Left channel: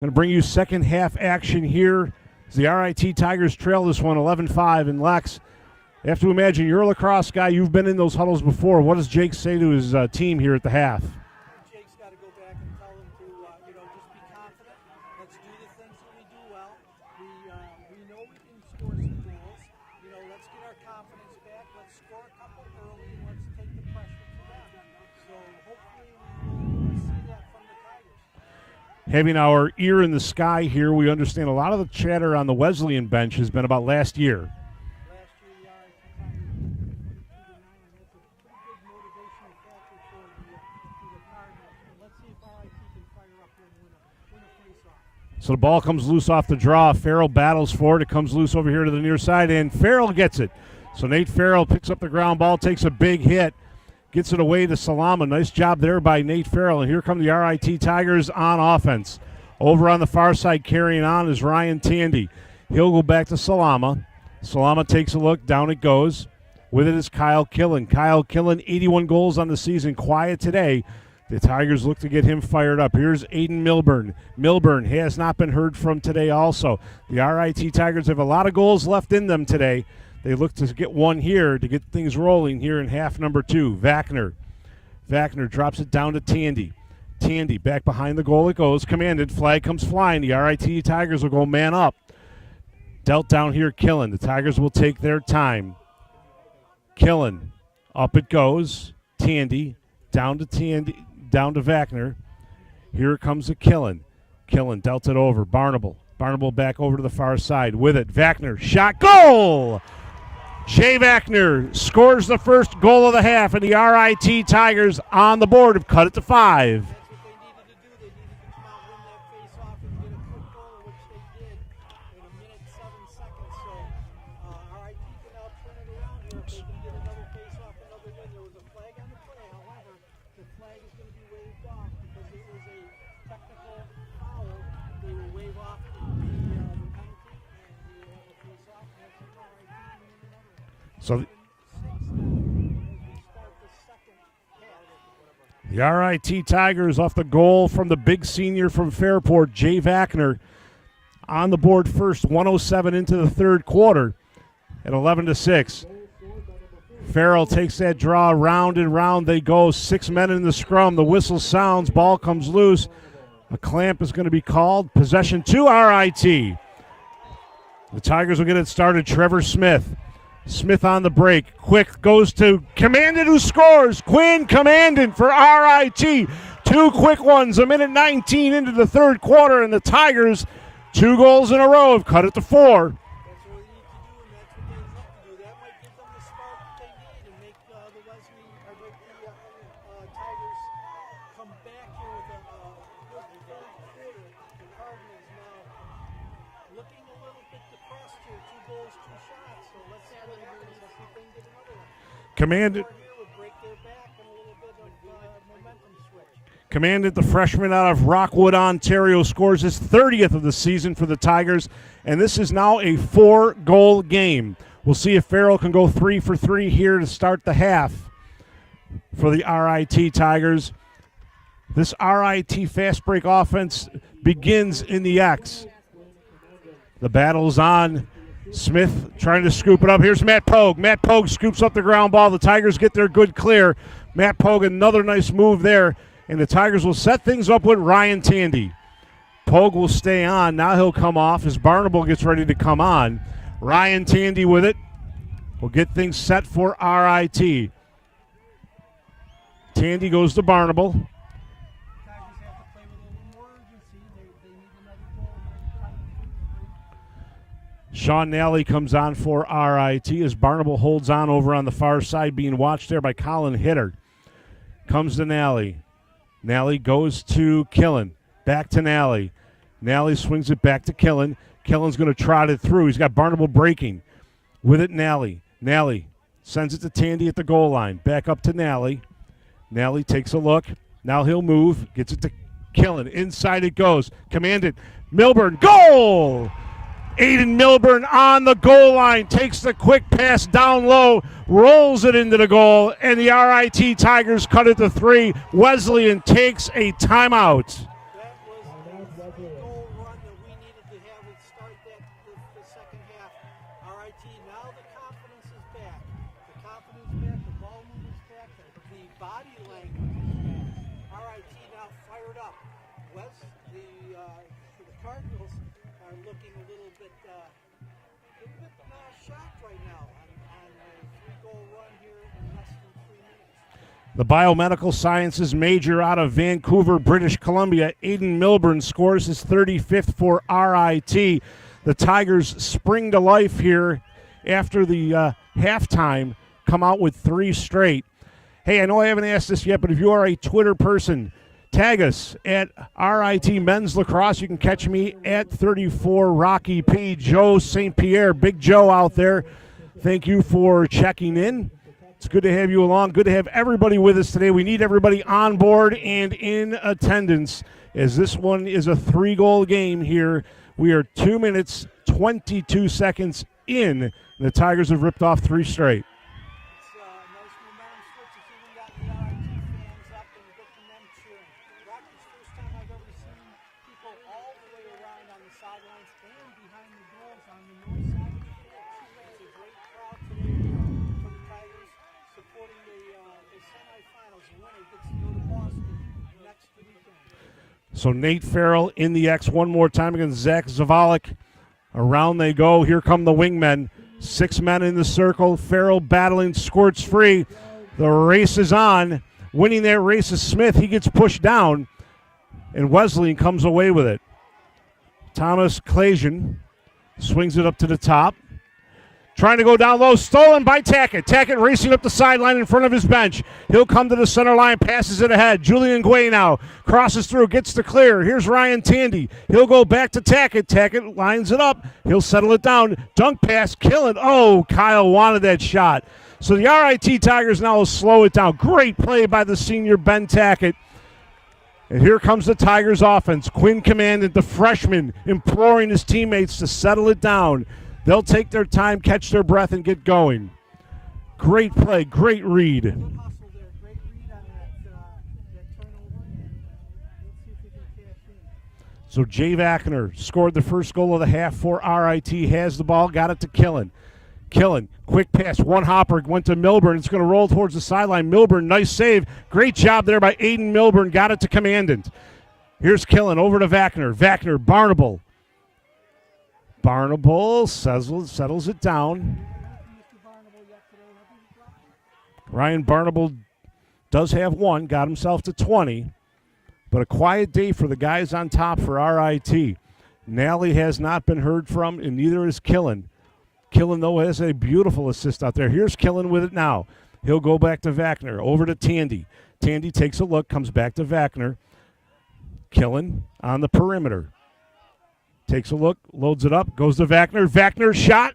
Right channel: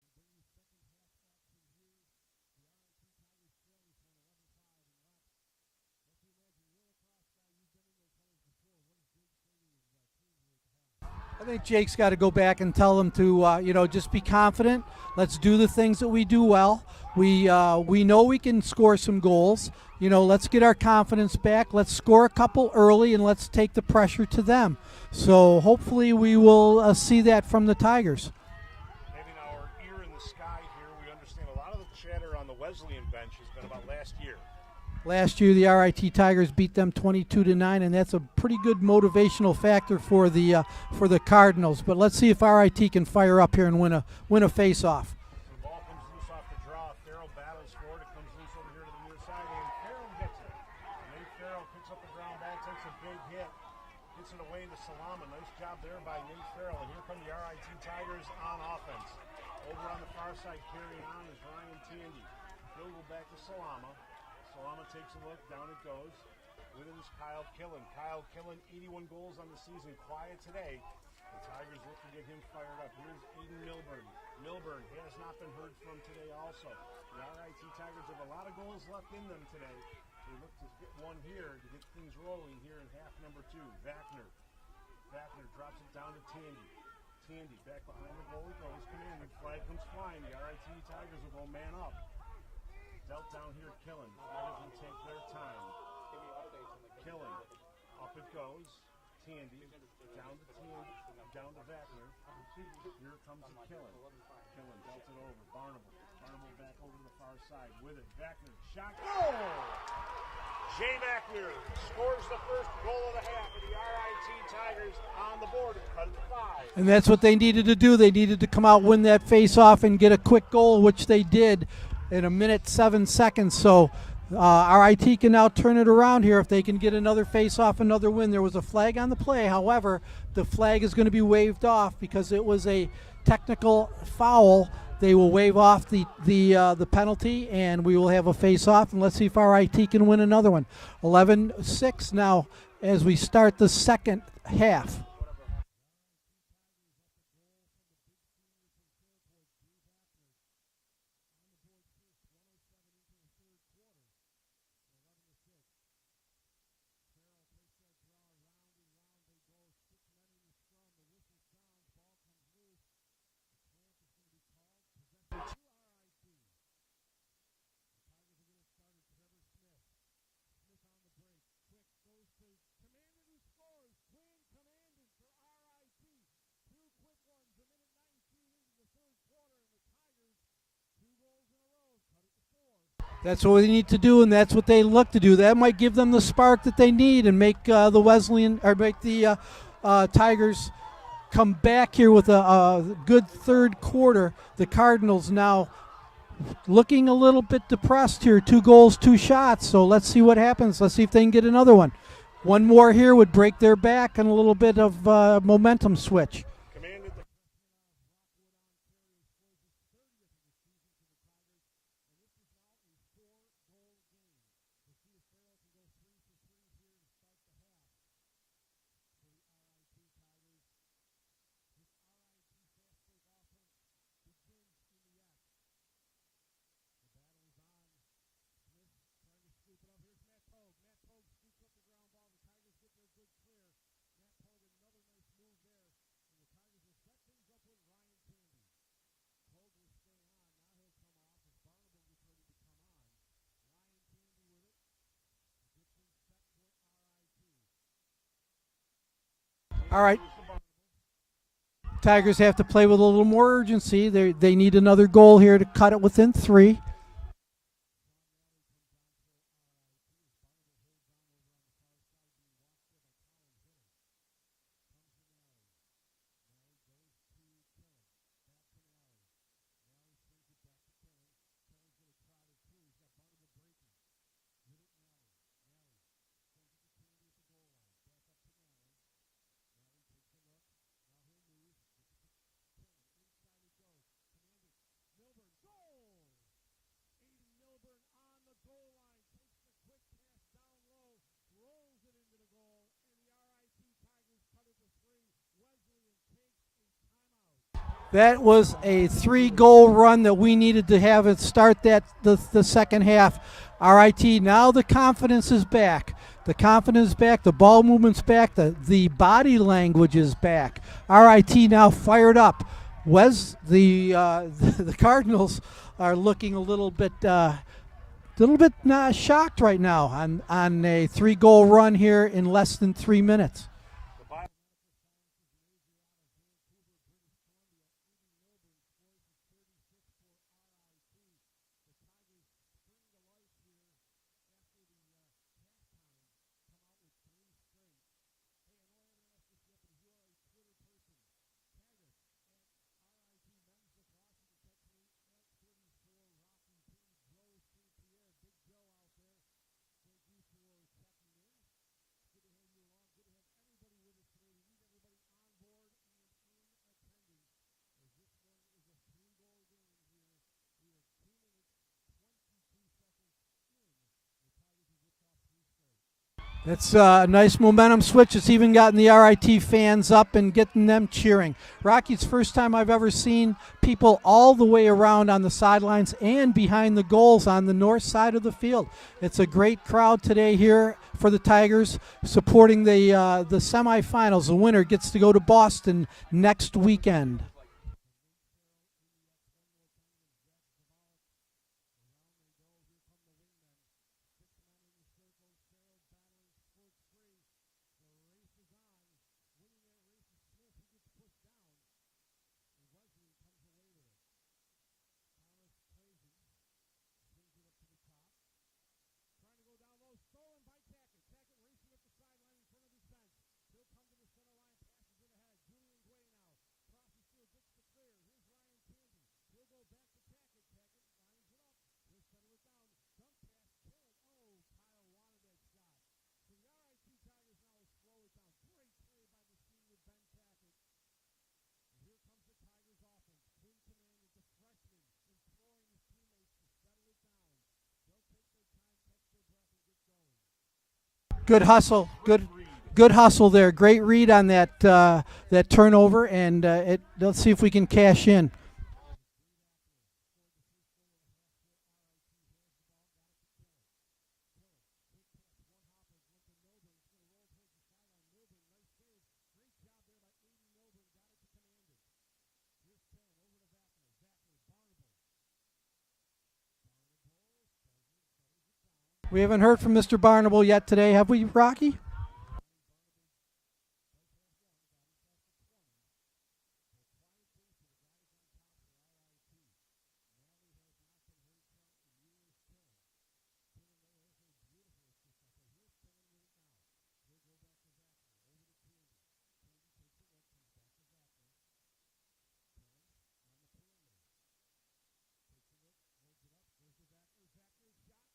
Going to bring you second half action here as the RIT Tigers trail this one 11-5. And Lex, you have to imagine you're a lacrosse guy. You've been in those huddles before. What does Jake say to his team here at the half? I think Jake's got to go back and tell them to, just be confident. Let's do the things that we do well. We know we can score some goals. Let's get our confidence back. Let's score a couple early, and let's take the pressure to them. So hopefully we will see that from the Tigers. Having our ear in the sky here, we understand a lot of the chatter on the Wesleyan bench has been about last year. Last year, the RIT Tigers beat them 22-9, and that's a pretty good motivational factor for the Cardinals. But let's see if RIT can fire up here and win a face-off. So the ball comes loose off the draw. Farrell battles for it. It comes loose over here to the near side, and Farrell gets it. So Nate Farrell picks up the ground ball, takes a big hit, gets it away to Salama. Nice job there by Nate Farrell. And here come the RIT Tigers on offense. Over on the far side carrying on is Ryan Tandy. He'll go back to Salama. Salama takes a look. Down it goes. With it is Kyle Killen. Kyle Killen, 81 goals on the season. Quiet today. The Tigers look to get him fired up. Here's Aiden Milburn. Milburn has not been heard from today also. The RIT Tigers have a lot of goals left in them today. They look to get one here to get things rolling here in half number 2. Vachner drops it down to Tandy. Tandy back behind the goal it goes. Commanded. Flag comes flying. The RIT Tigers will go man up. Dealt down here, Killen. The Tigers will take their time. Killen. Up it goes. Tandy. Down to Vachner. Here comes a Killen. Killen dealt it over. Barnable back over to the far side. With it. Vachner. Shot. Goal! Jay Vachner scores the first goal of the half, and the RIT Tigers on the board have cut it to 5. And that's what they needed to do. They needed to come out, win that face-off, and get a quick goal, which they did in 1:07. So RIT can now turn it around here if they can get another face-off, another win. There was a flag on the play. However, the flag is going to be waved off because it was a technical foul. They will waive off the penalty, and we will have a face-off. And let's see if RIT can win another one. 11-6 now as we start the second half. The RIT Tigers off the goal from the big senior from Fairport, Jay Vachner, on the board first. 1:07 into the third quarter at 11-6. Farrell takes that draw. Round and round they go. 6 men in the scrum. The whistle sounds. Ball comes loose. A clamp is going to be called. Possession to RIT. The Tigers will get it started. Trevor Smith. Smith on the break. Quick goes to Commandant, who scores. Quinn Commandant for RIT. 2 quick ones. 1:19 into the third quarter, and the Tigers, 2 goals in a row, have cut it to 4. That's what they need to do, and that's what they look to do. That might give them the spark that they need and make the Wesleyan, or make the Tigers come back here with a good third quarter. The Cardinals now looking a little bit depressed here. 2 goals, 2 shots. So let's see what happens. Let's see if they can get another one. One more here would break their back and a little bit of momentum switch. Commandant, the freshman out of Rockwood, Ontario, scores his 30th of the season for the Tigers, and this is now a 4-goal game. We'll see if Farrell can go 3 for 3 here to start the half for the RIT Tigers. This RIT fast break offense begins in the X. The battle's on. Smith trying to scoop it up. Here's Matt Pogue. Matt Pogue scoops up the ground ball. The Tigers get their good clear. Matt Pogue, another nice move there. And the Tigers will set things up with Ryan Tandy. Pogue will stay on. Now he'll come off as Barnable gets ready to come on. Ryan Tandy with it. Will get things set for RIT. Tandy goes to Barnable. Tigers have to play with a little more urgency. They need another goal here to cut it within 3. Sean Nally comes on for RIT as Barnable holds on over on the far side, being watched there by Colin Hitter. Comes to Nally. Nally goes to Killen. Back to Nally. Nally swings it back to Killen. Killen's going to trot it through. He's got Barnable breaking. With it, Nally. Nally sends it to Tandy at the goal line. Back up to Nally. Nally takes a look. Now he'll move. Gets it to Killen. Inside it goes. Commandant. Milburn. Goal! Aiden Milburn on the goal line. Takes the quick pass down low. Rolls it into the goal. And the RIT Tigers cut it to 3. Wesleyan takes a timeout. That was a 3-goal run that we needed to have it start the second half. RIT, now the confidence is back. The confidence is back, the ball movement's back, the body language is back. RIT now fired up. The Cardinals are looking a little bit shocked right now on a 3-goal run here in less than 3 minutes. The biomedical sciences major out of Vancouver, British Columbia, Aiden Milburn scores his 35th for RIT. The Tigers spring to life here after the halftime, come out with 3 straight. Hey, I know I haven't asked this yet, but if you are a Twitter person, tag us at RIT Men's Lacrosse. You can catch me at 34 Rocky P. Joe St. Pierre, Big Joe out there. Thank you for checking in. It's good to have you along. Good to have everybody with us today. We need everybody on board and in attendance, as this one is a 3-goal game here. We are 2 minutes, 22 seconds in. The Tigers have ripped off 3 straight. That's a nice momentum switch. It's even gotten the RIT fans up and getting them cheering. Rocky's first time I've ever seen people all the way around on the sidelines and behind the goals on the north side of the field. It's a great crowd today here for the Tigers, supporting the semifinals. The winner gets to go to Boston next weekend. So Nate Farrell in the X one more time against Zach Zavalik. Around they go. Here come the wingmen. 6 men in the circle. Farrell battling, squirts free. The race is on. Winning that race is Smith. He gets pushed down, and Wesleyan comes away with it. Thomas Clasian swings it up to the top. Trying to go down low, stolen by Tackett. Tackett racing up the sideline in front of his bench. He'll come to the center line, passes it ahead. Julian Guay now crosses through, gets to clear. Here's Ryan Tandy. He'll go back to Tackett. Tackett lines it up. He'll settle it down. Dunk pass, kill it. Oh, Kyle wanted that shot. So the RIT Tigers now will slow it down. Great play by the senior Ben Tackett. And here comes the Tigers offense. Quinn Commandant, the freshman, imploring his teammates to settle it down. They'll take their time, catch their breath, and get going. Great play, great read. Good hustle there. Great read on that turnover, and let's see if we can cash in. So Jay Vackner scored the first goal of the half for RIT. Has the ball, got it to Killen. Killen, quick pass, one hopper, went to Milburn. It's going to roll towards the sideline. Milburn, nice save. Great job there by Aiden Milburn. Got it to Commandant. Here's Killen, over to Vackner. Vackner, Barnable. Barnable settles it down. We haven't heard from Mr. Barnable yet today, have we, Rocky? Ryan Barnable does have one, got himself to 20. But a quiet day for the guys on top for RIT. Nally has not been heard from, and neither is Killen. Killen, though, has a beautiful assist out there. Here's Killen with it now. He'll go back to Vackner, over to Tandy. Tandy takes a look, comes back to Vackner. Killen on the perimeter. Takes a look, loads it up, goes to Vackner. Vackner shot.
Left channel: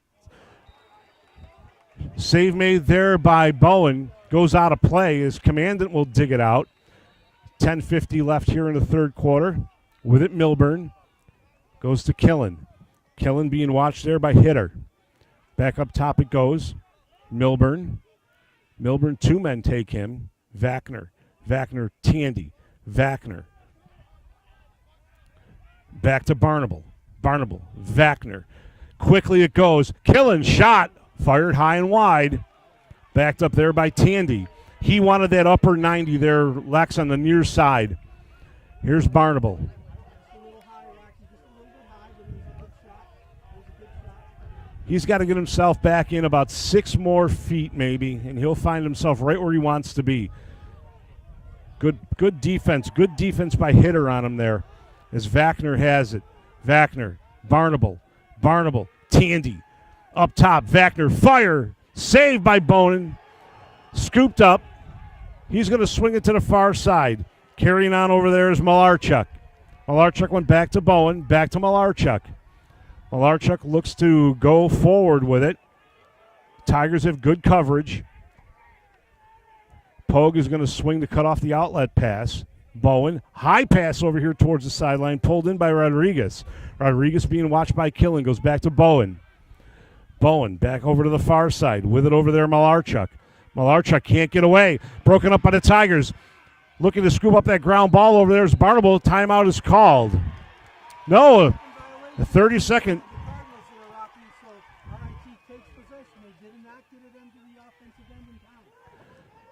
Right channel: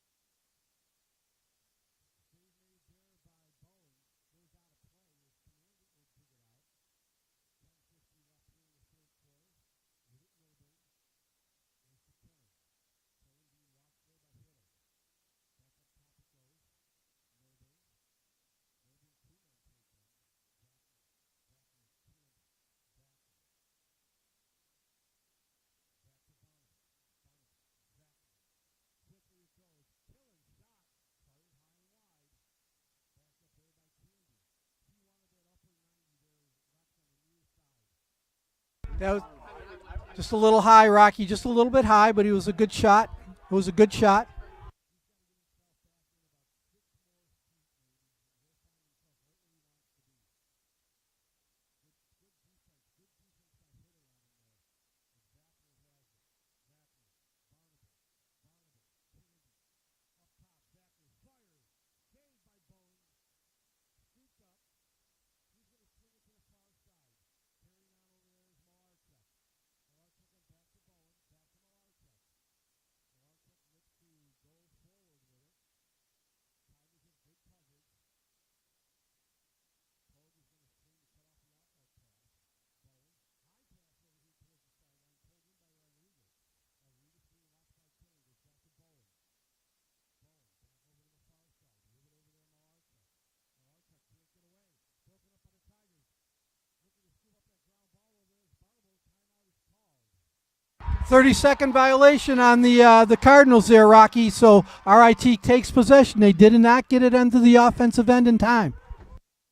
Save made there by Bowen. Goes out of play as Commandant will dig it out. 10:50 left here in the third quarter. With it, Milburn. Goes to Killen. Killen being watched there by Hitter. Back up top it goes. Milburn. Milburn, 2 men take him. Vackner. Vackner, Tandy. Vackner. Back to Barnable. Barnable, Vackner. Quickly it goes. Killen shot. Fired high and wide. Backed up there by Tandy. He wanted that upper 90 there, Lex, on the near side. Here's Barnable. Just a little high, Rocky. Just a little bit high, but he was a good shot. It was a good shot. He's got to get himself back in about 6 more feet maybe, and he'll find himself right where he wants to be. Good defense. Good defense by Hitter on him there as Vackner has it. Vackner, Barnable, Tandy, up top, Vackner, fire, saved by Bonin, scooped up. He's going to swing it to the far side. Carrying on over there is Malarchuk. Malarchuk went back to Bowen, back to Malarchuk. Malarchuk looks to go forward with it. Tigers have good coverage. Pogue is going to swing to cut off the outlet pass. Bowen, high pass over here towards the sideline, pulled in by Rodriguez. Rodriguez being watched by Killen, goes back to Bowen. Bowen back over to the far side, with it over there Malarchuk. Malarchuk can't get away, broken up by the Tigers. looking to scoop up that ground ball over there. As Barnable, timeout is called. 30-second violation 30 on second. the Cardinals there, Rocky. So RIT takes possession. They did not get it into the offensive end in time.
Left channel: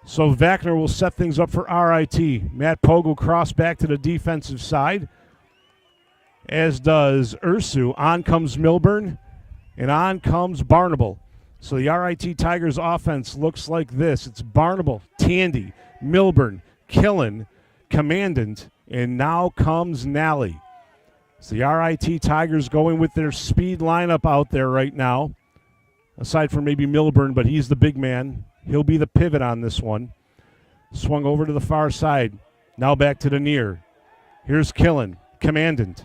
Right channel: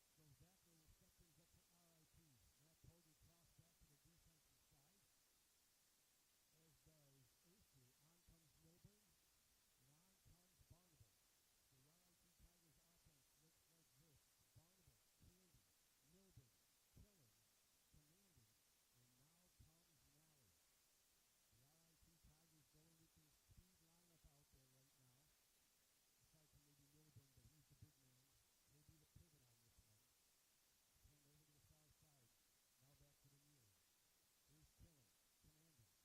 So Wagner will set things up for RIT. Matt Pogue will cross back to the defensive side, as does Ursu. On comes Milburn, and on comes Barnable. So the RIT Tigers offense looks like this. It's Barnable, Tandy, Milburn, Killen, Commandant, and now comes Nally. So the RIT Tigers going with their speed lineup out there right now, aside from maybe Milburn, but he's the big man. He'll be the pivot on this one. Swung over to the far side. Now back to the near. Here's Killen, Commandant.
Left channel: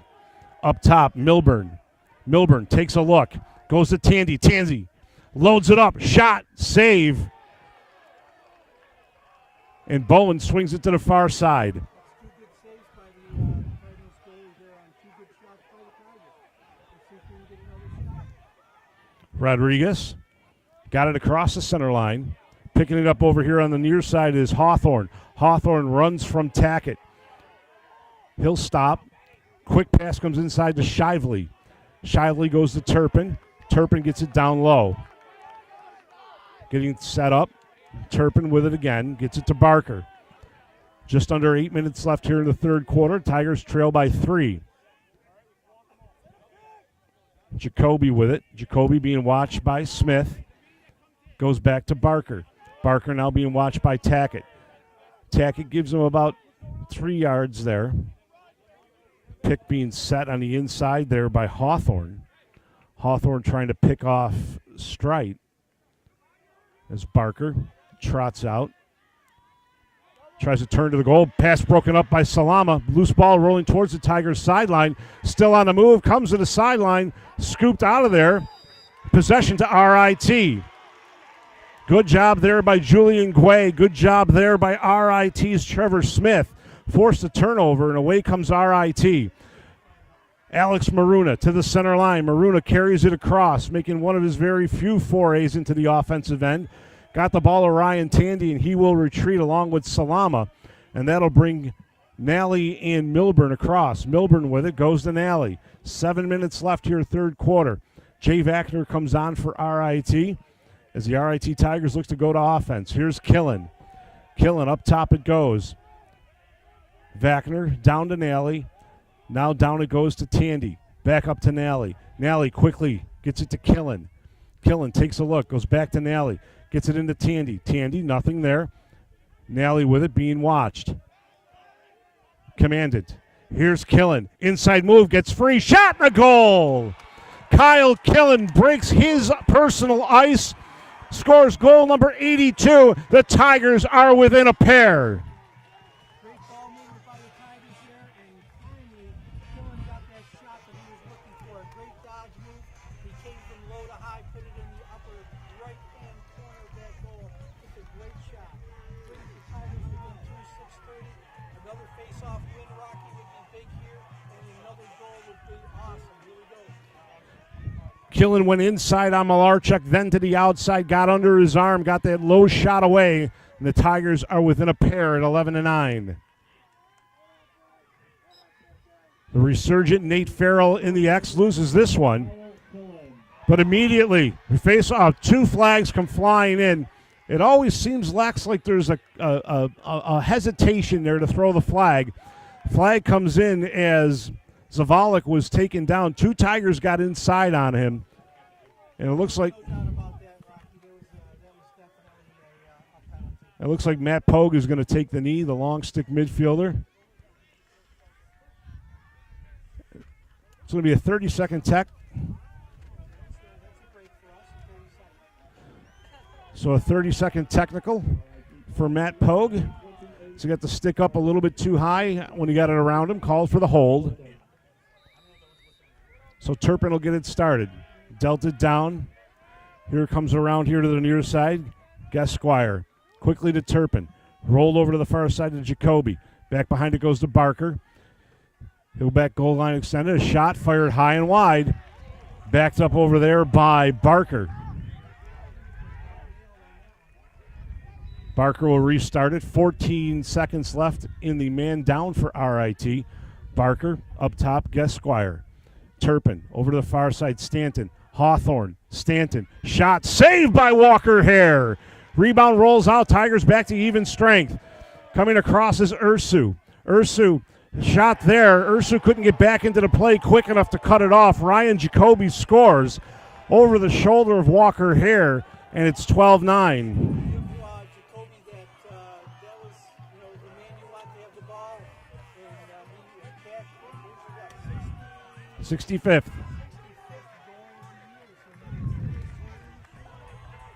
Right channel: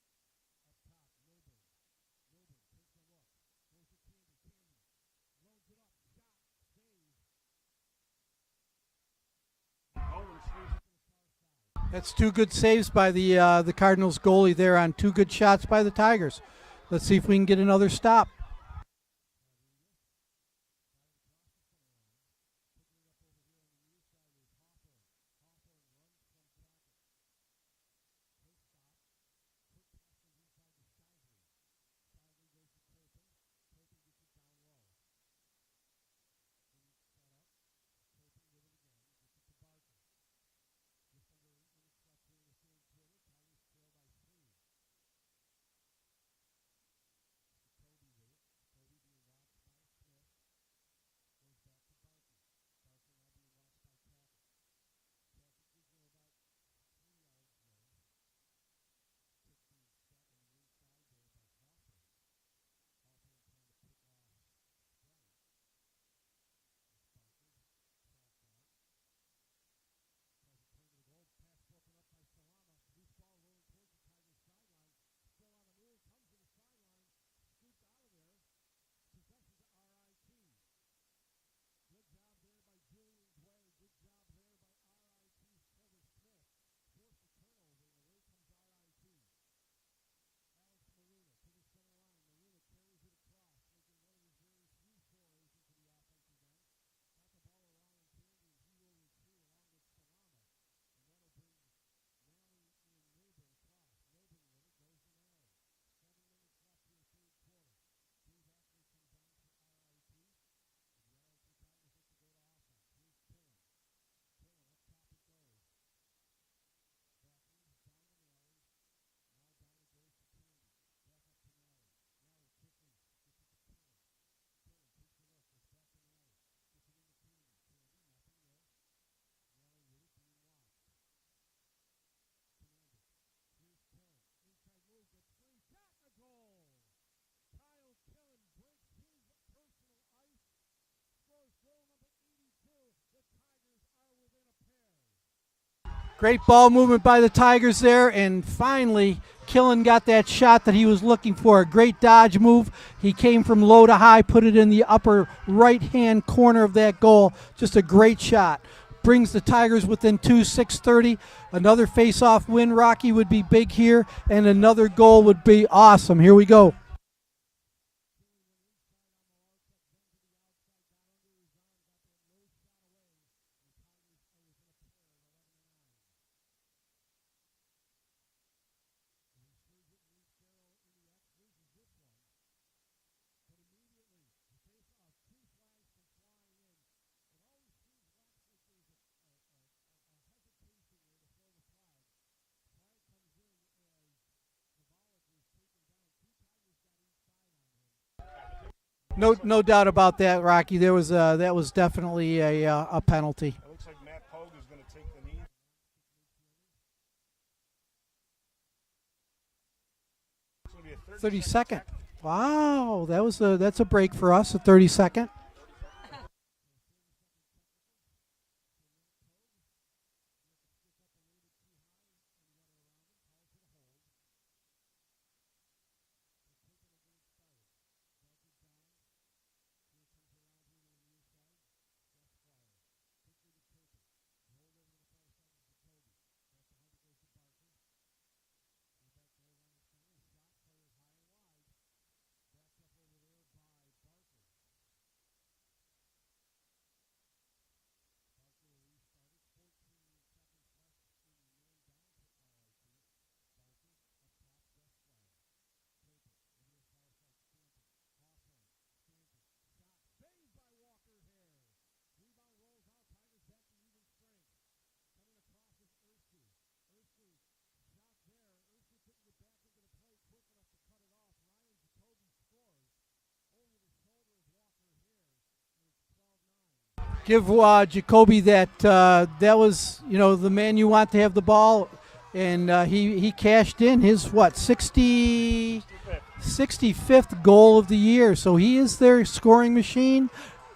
Up top, Milburn. Milburn takes a look. Goes to Tandy. Tandy loads it up. Shot. Save. And Bowen swings it to the far side. That's two good saves by the Cardinals goalie there on two good shots by the Tigers. Let's see if we can get another stop. Rodriguez got it across the center line. Picking it up over here on the near side is Hawthorne. Hawthorne runs from Tackett. He'll stop. Quick pass comes inside to Shively. Shively goes to Turpin. Turpin gets it down low. Getting set up. Turpin with it again. Gets it to Barker. Just under 8 minutes left here in the third quarter. Tigers trail by 3. Jacoby with it. Jacoby being watched by Smith. Goes back to Barker. Barker now being watched by Tackett. Tackett gives him about 3 yards there. Pick being set on the inside there by Hawthorne. Hawthorne trying to pick off Strite. As Barker trots out. Tries to turn to the goal. Pass broken up by Salama. Loose ball rolling towards the Tigers sideline. Still on the move. Comes to the sideline. Scooped out of there. Possession to RIT. Good job there by Julian Guay. Good job there by RIT's Trevor Smith. Forced a turnover, and away comes RIT. Alex Maruna to the center line. Maruna carries it across, making one of his very few forays into the offensive end. Got the ball to Ryan Tandy, and he will retreat along with Salama, and that'll bring Nally and Milburn across. Milburn with it, goes to Nally. 7 minutes left here, third quarter. Jay Wagner comes on for RIT as the RIT Tigers look to go to offense. Here's Killen. Killen, up top it goes. Wagner down to Nally. Now down it goes to Tandy. Back up to Nally. Nally quickly gets it to Killen. Killen takes a look, goes back to Nally. Gets it into Tandy. Tandy, nothing there. Nally with it, being watched. Commandant. Here's Killen. Inside move, gets free. Shot and a goal! Kyle Killen breaks his personal ice. Scores goal number 82. The Tigers are within a pair. Great ball movement by the Tigers there, and finally Killen got that shot that he was looking for. A great dodge move. He came from low to high, put it in the upper right-hand corner of that goal. Just a great shot. Brings the Tigers within 2, 6:30. Another face-off win, Rocky, would be big here, and another goal would be awesome. Here we go. Killen went inside on Malarchuk, then to the outside, got under his arm, got that low shot away, and the Tigers are within a pair at 11-9. The resurgent Nate Farrell in the X loses this one, but immediately we face off. 2 flags come flying in. It always seems like there's a hesitation there to throw the flag. Flag comes in as Zavalik was taken down. 2 Tigers got inside on him. And it looks no doubt about that, Rocky. There was that was definitely a penalty. It looks like Matt Pogue is going to take the knee, the long stick midfielder. It's going to be a 30-second tech. Wow, that's a break for us, a 30-second. So a 30-second technical for Matt Pogue. So he got the stick up a little bit too high when he got it around him. Called for the hold. So Turpin will get it started. Dealt it down. Here it comes around here to the near side. Gasquire. Quickly to Turpin. Rolled over to the far side to Jacoby. Back behind it goes to Barker. He'll back goal line extended. A shot fired high and wide. Backed up over there by Barker. Barker will restart it. 14 seconds left in the man down for RIT. Barker up top, Gesquire. Turpin over to the far side, Stanton. Hawthorne, Stanton. Shot saved by Walker Hare. Rebound rolls out. Tigers back to even strength. Coming across is Ursu. Ursu shot there. Ursu couldn't get back into the play quick enough to cut it off. Ryan Jacoby scores over the shoulder of Walker Hare, and it's 12-9. Give Jacoby that. That was, the man you want to have the ball, and he cashed in his 65th goal of the year. So he is their scoring machine.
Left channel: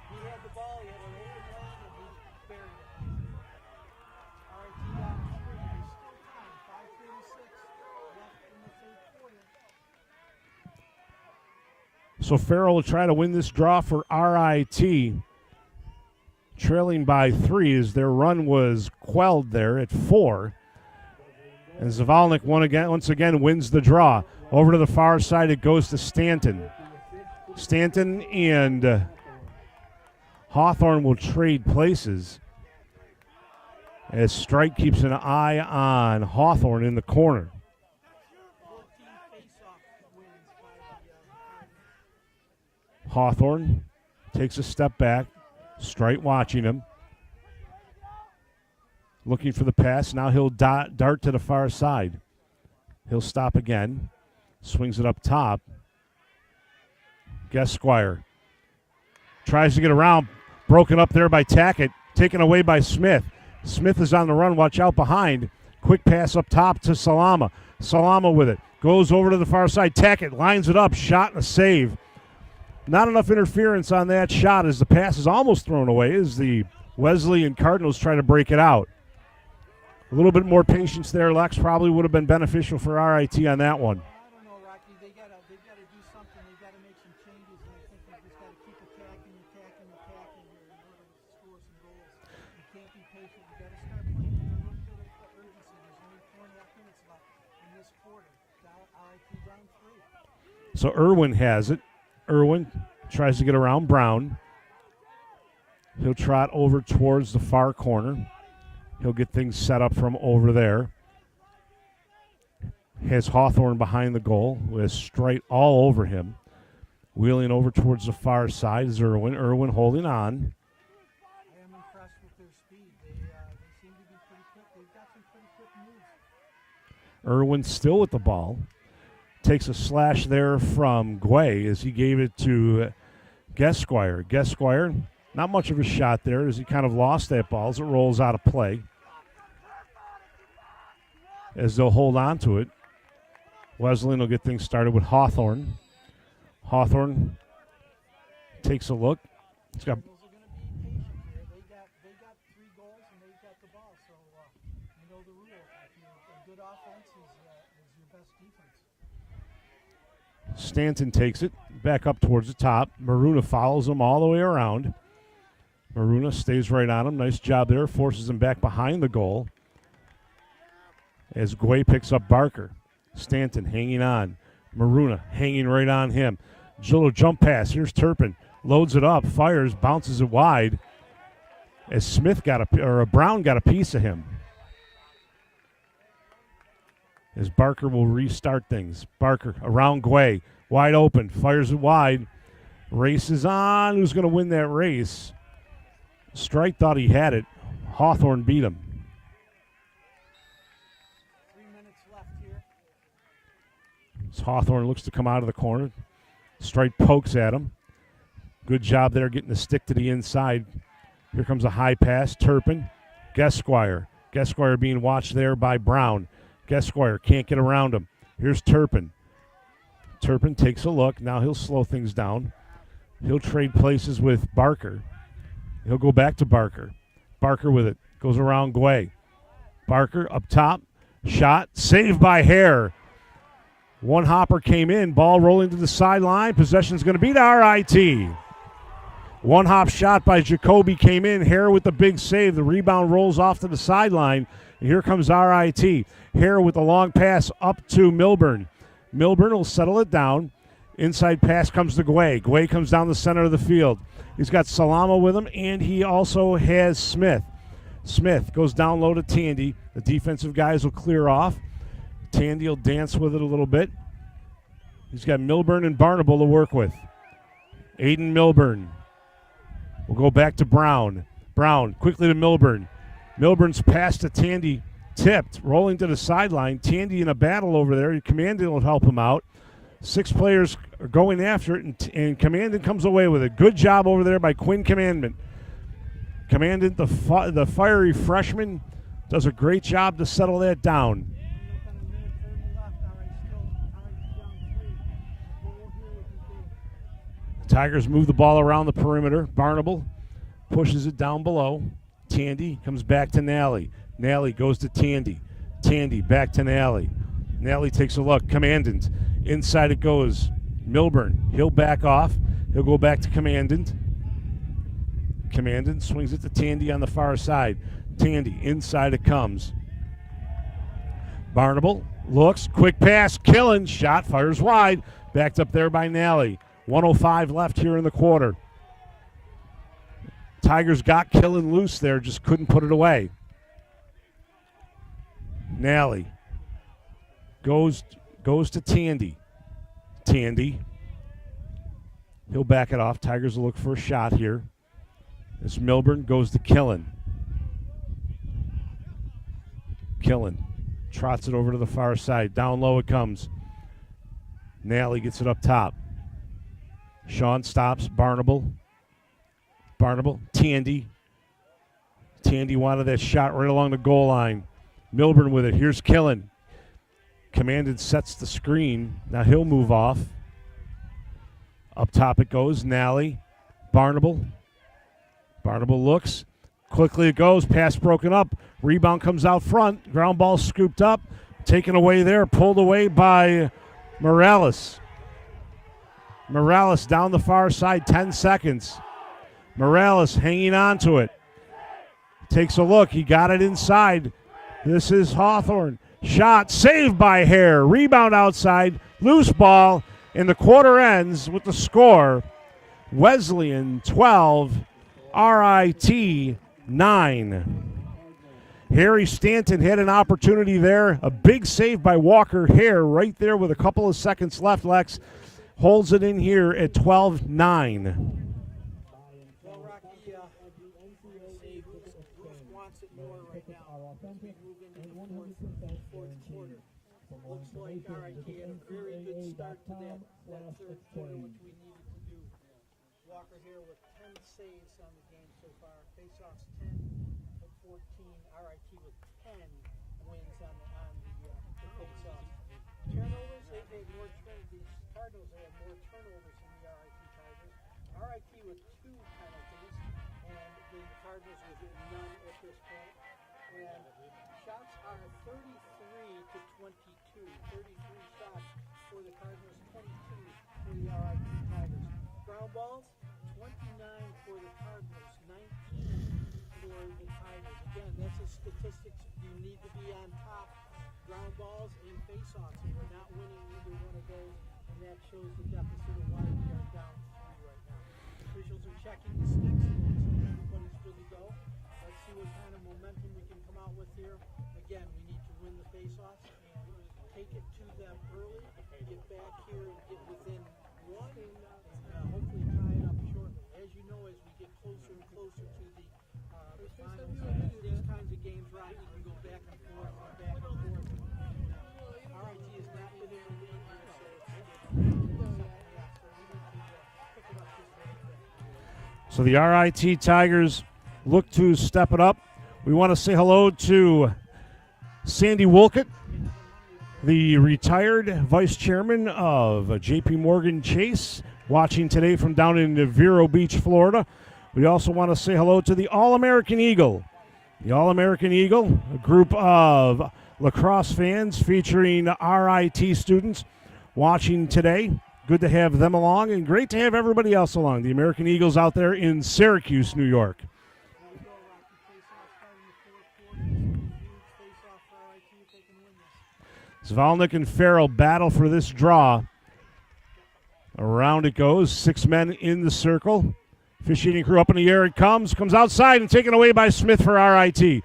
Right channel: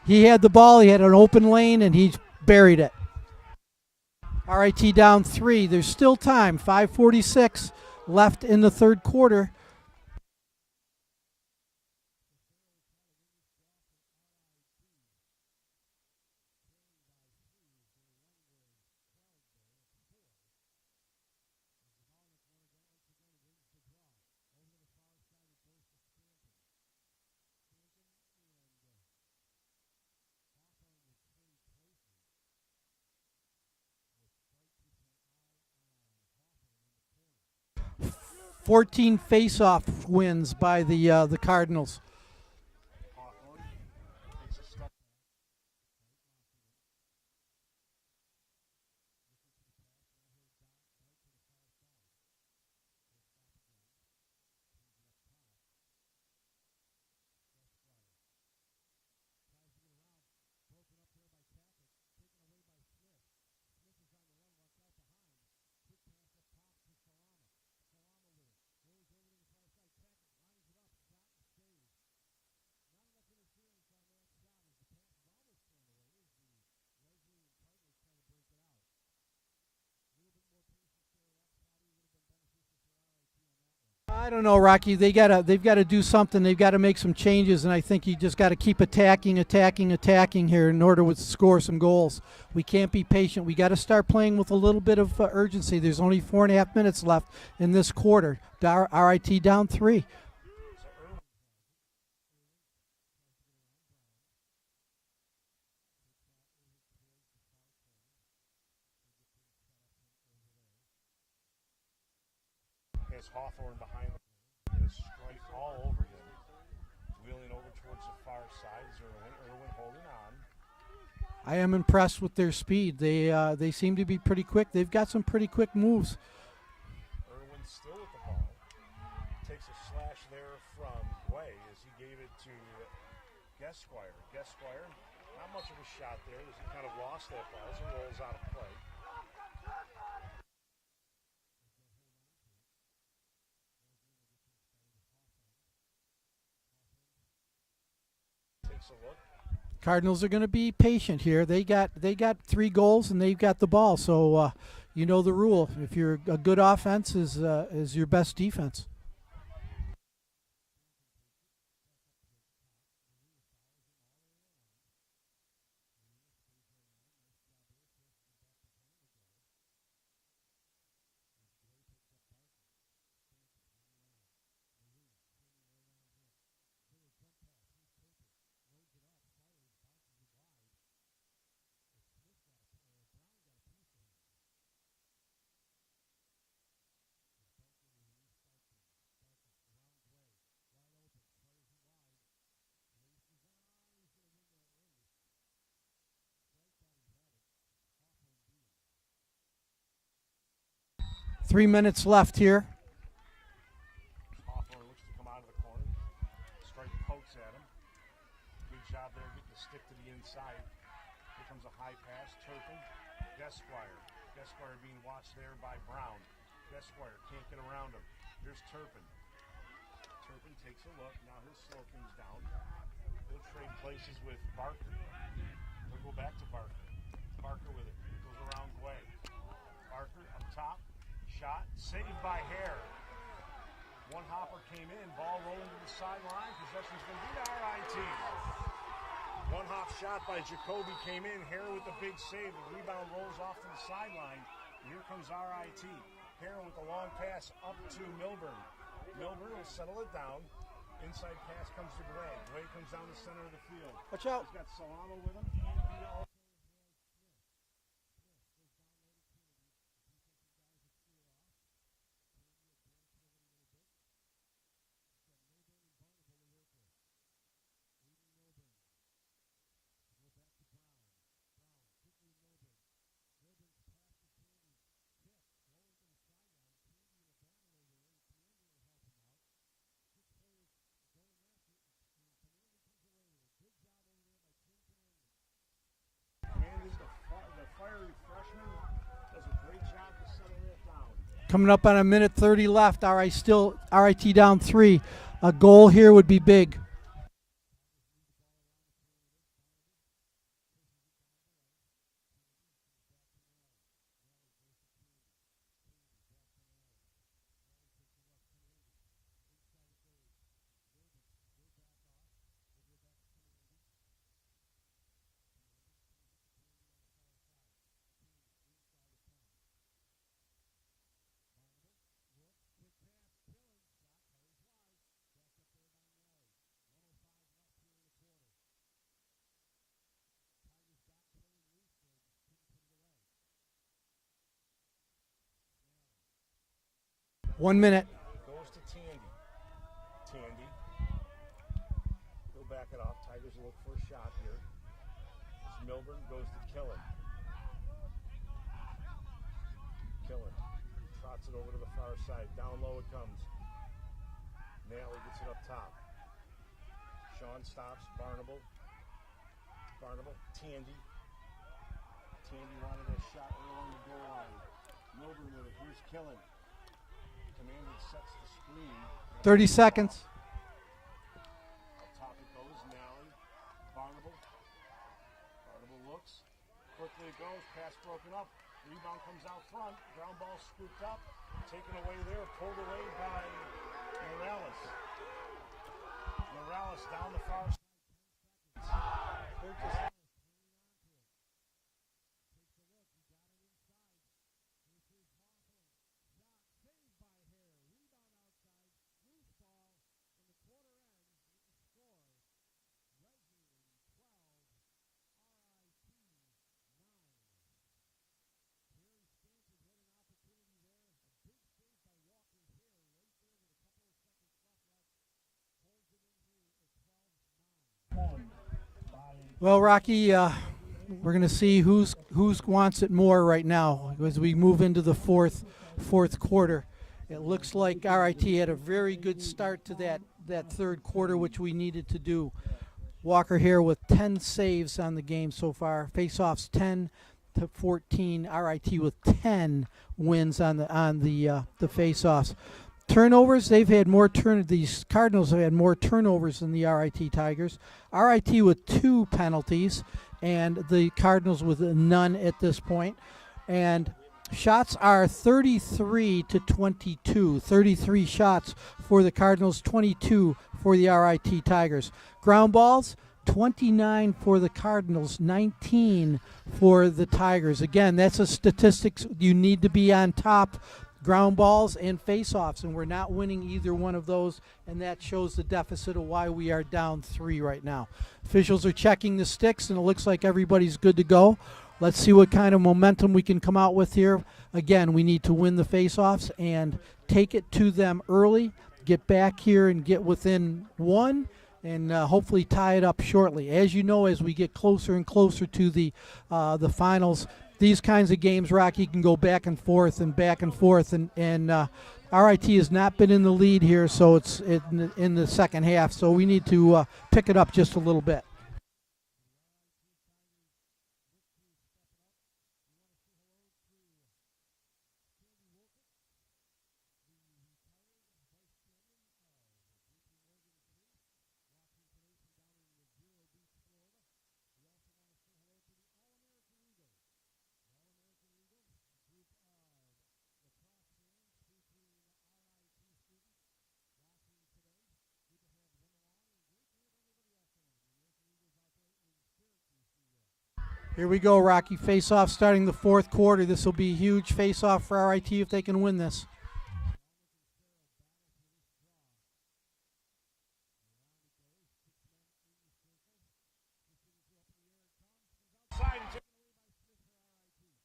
He had the ball. He had an open lane, and he buried it. RIT down 3. There's still time. 5:46 left in the third quarter. So Farrell will try to win this draw for RIT, trailing by 3 as their run was quelled there at 4. And Zavalnik once again wins the draw. Over to the far side, it goes to Stanton. Stanton and Hawthorne will trade places as Strike keeps an eye on Hawthorne in the corner. 14 face-off wins by the Cardinals. Hawthorne takes a step back. Strike watching him. Looking for the pass. Now he'll dart to the far side. He'll stop again. Swings it up top. Gesquire tries to get around. Broken up there by Tackett. Taken away by Smith. Smith is on the run. Watch out behind. Quick pass up top to Salama. Salama with it. Goes over to the far side. Tackett lines it up. Shot and a save. Not enough interference on that shot as the pass is almost thrown away as the Wesleyan Cardinals try to break it out. A little bit more patience there, Lex, probably would have been beneficial for RIT on that one. I don't know, Rocky. They've got to do something. They've got to make some changes, and I think you just got to keep attacking here in order to score some goals. We can't be patient. We got to start playing with a little bit of urgency. There's only 4.5 minutes left in this quarter. RIT down 3. So Irwin has it. Irwin tries to get around Brown. He'll trot over towards the far corner. He'll get things set up from over there. Has Hawthorne behind the goal with Strite all over him. Wheeling over towards the far side is Irwin. Irwin holding on. I am impressed with their speed. They seem to be pretty quick. They've got some pretty quick moves. Irwin still with the ball. Takes a slash there from Guay as he gave it to Gesquire. Gesquire, not much of a shot there as he kind of lost that ball as it rolls out of play. As they'll hold on to it. Wesleyan will get things started with Hawthorne. Hawthorne takes a look. Cardinals are going to be patient here. They got 3 goals and they've got the ball. So you know the rule. If you're a good offense is your best defense. Stanton takes it back up towards the top. Maruna follows him all the way around. Maruna stays right on him. Nice job there. Forces him back behind the goal. As Guay picks up Barker. Stanton hanging on. Maruna hanging right on him. Little jump pass. Here's Turpin. Loads it up. Fires. Bounces it wide. As Brown got a piece of him. As Barker will restart things. Barker around Guay. Wide open. Fires it wide. Races on. Who's going to win that race? Strike thought he had it. Hawthorne beat him. 3 minutes left here. As Hawthorne looks to come out of the corner. Strike pokes at him. Good job there getting the stick to the inside. Here comes a high pass. Turpin. Gesquire. Gesquire being watched there by Brown. Gesquire can't get around him. Here's Turpin. Turpin takes a look. Now he'll slow things down. He'll trade places with Barker. He'll go back to Barker. Barker with it. Goes around Guay. Barker up top. Shot. Saved by Hare. One hopper came in. Ball rolling to the sideline. Possession's going to be to RIT. One hop shot by Jacoby came in. Hare with the big save. The rebound rolls off to the sideline. And here comes RIT. Hare with the long pass up to Milburn. Milburn will settle it down. Inside pass comes to Guay. Guay comes down the center of the field. He's got Salama with him, and he also has Smith. Smith goes down low to Tandy. The defensive guys will clear off. Tandy will dance with it a little bit. He's got Milburn and Barnable to work with. Aiden Milburn. We'll go back to Brown. Brown quickly to Milburn. Milburn's pass to Tandy tipped, rolling to the sideline. Tandy in a battle over there. Commandant will help him out. 6 players are going after it, and Commandant comes away with it. Good job over there by Quinn Commandant. Commandant, the fiery freshman, does a great job to settle that down. Coming up on a minute 30 left. RIT down 3. A goal here would be big. Tigers move the ball around the perimeter. Barnable pushes it down below. Tandy comes back to Nally. Nally goes to Tandy. Tandy back to Nally. Nally takes a look. Commandant. Inside it goes. Milburn. He'll back off. He'll go back to Commandant. Commandant swings it to Tandy on the far side. Tandy. Inside it comes. Barnable looks. Quick pass. Killen. Shot. Fires wide. Backed up there by Nally. 1:05 left here in the quarter. Tigers got Killen loose there. Just couldn't put it away. Nally. 1 minute. Goes to Tandy. Tandy. He'll back it off. Tigers will look for a shot here. As Milburn goes to Killen. Killen trots it over to the far side. Down low it comes. Nally gets it up top. Sean stops. Barnable. Tandy. Tandy wanted that shot right along the goal line. Milburn with it. Here's Killen. Commandant sets the screen. Now 30 he'll move seconds. off. Up top it goes. Nally. Barnable looks. Quickly it goes. Pass broken up. Rebound comes out front. Ground ball scooped up. Taken away there. Pulled away by Morales. Morales down the far side. 10 seconds. Morales hanging on to it. Takes a look. He got it inside. This is Hawthorne. Shot saved by Hare. Rebound outside. Loose ball. And the quarter ends with the score. Wesleyan 12. RIT 9. Harry Stanton had an opportunity there. A big save by Walker Hare right there with a couple of seconds left. Lex holds it in here at 12-9. Well, Rocky, we're going to see who's wants it more right now as we move into the fourth quarter. It looks like RIT had a very good start to that third quarter, which we needed to do. Walker here with 10 saves on the game so far. Faceoffs 10-14. RIT with 10 wins on the faceoffs. Turnovers, they've had more these Cardinals have had more turnovers than the RIT Tigers. RIT with 2 penalties and the Cardinals with none at this point. And shots are 33-22. 33 shots for the Cardinals, 22 for the RIT Tigers. Ground balls, 29 for the Cardinals, 19 for the Tigers. Again, that's a statistics you need to be on top. Ground balls and face-offs, and we're not winning either one of those, and that shows the deficit of why we are down 3 right now. Officials are checking the sticks, and it looks like everybody's good to go. Let's see what kind of momentum we can come out with here. Again, we need to win the face-offs and take it to them early, get back here and get within 1, and hopefully tie it up shortly. As you know, as we get closer and closer to the finals, these kinds of games, Rocky, can go back and forth, and RIT has not been in the lead here, so it's in the second half, so we need to pick it up just a little bit. So the RIT Tigers look to step it up. We want to say hello to Sandy Wolcott, the retired vice chairman of J.P. Morgan Chase, watching today from down in Vero Beach, Florida. We also want to say hello to the All-American Eagle. The All-American Eagle, a group of lacrosse fans featuring RIT students watching today. Good to have them along, and great to have everybody else along. The American Eagles out there in Syracuse, New York. Here we go, Rocky. Face-off starting the fourth quarter. This will be a huge face-off for RIT if they can win this. Zvalnik and Farrell battle for this draw. Around it goes. 6 men in the circle. Officiating crew up in the air. It comes outside and taken away by Smith for RIT.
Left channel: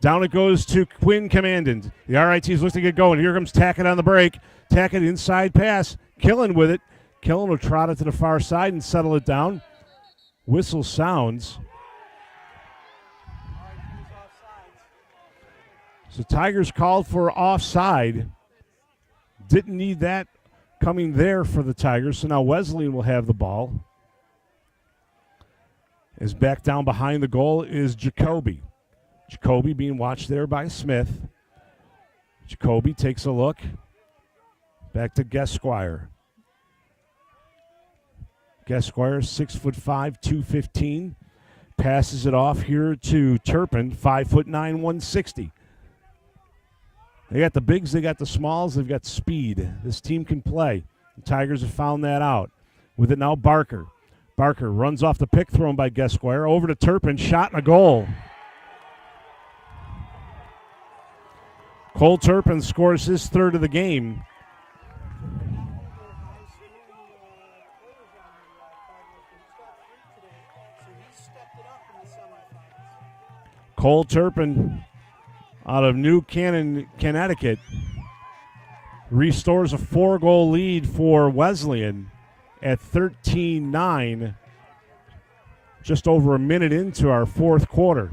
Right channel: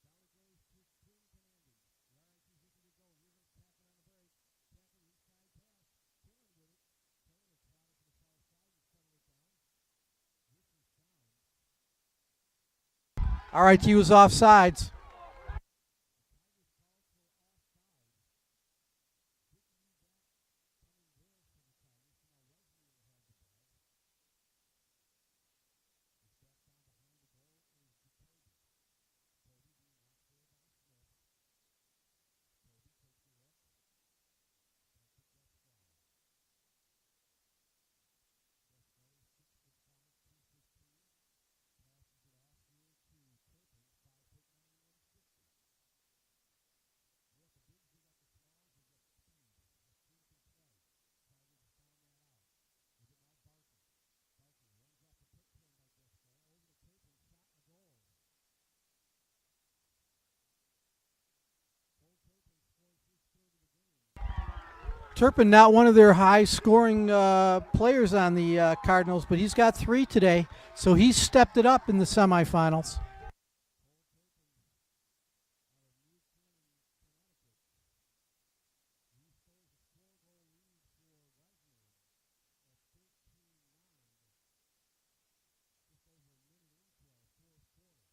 Down it goes to Quinn Commandant. The RIT's looking to get going. Here comes Tackett on the break. Tackett inside pass. Killen with it. Killen will trot it to the far side and settle it down. Whistle sounds. RIT was offsides. So Tigers called for offside. Didn't need that coming there for the Tigers. So now Wesleyan will have the ball. As back down behind the goal is Jacoby. Jacoby being watched there by Smith. Jacoby takes a look. Back to Guesquire. Guesquire, 6'5", 215. Passes it off here to Turpin, 5'9", 160. They got the bigs, they got the smalls, they've got speed. This team can play. The Tigers have found that out. With it now, Barker. Barker runs off the pick thrown by Guesquire. Over to Turpin, shot and a goal. Cole Turpin scores his third of the game. Turpin, not one of their high-scoring players on the Cardinals, but he's got 3 today, so he's stepped it up in the semifinals. Cole Turpin out of New Canaan, Connecticut, restores a 4-goal lead for Wesleyan at 13-9, just over a minute into our fourth quarter.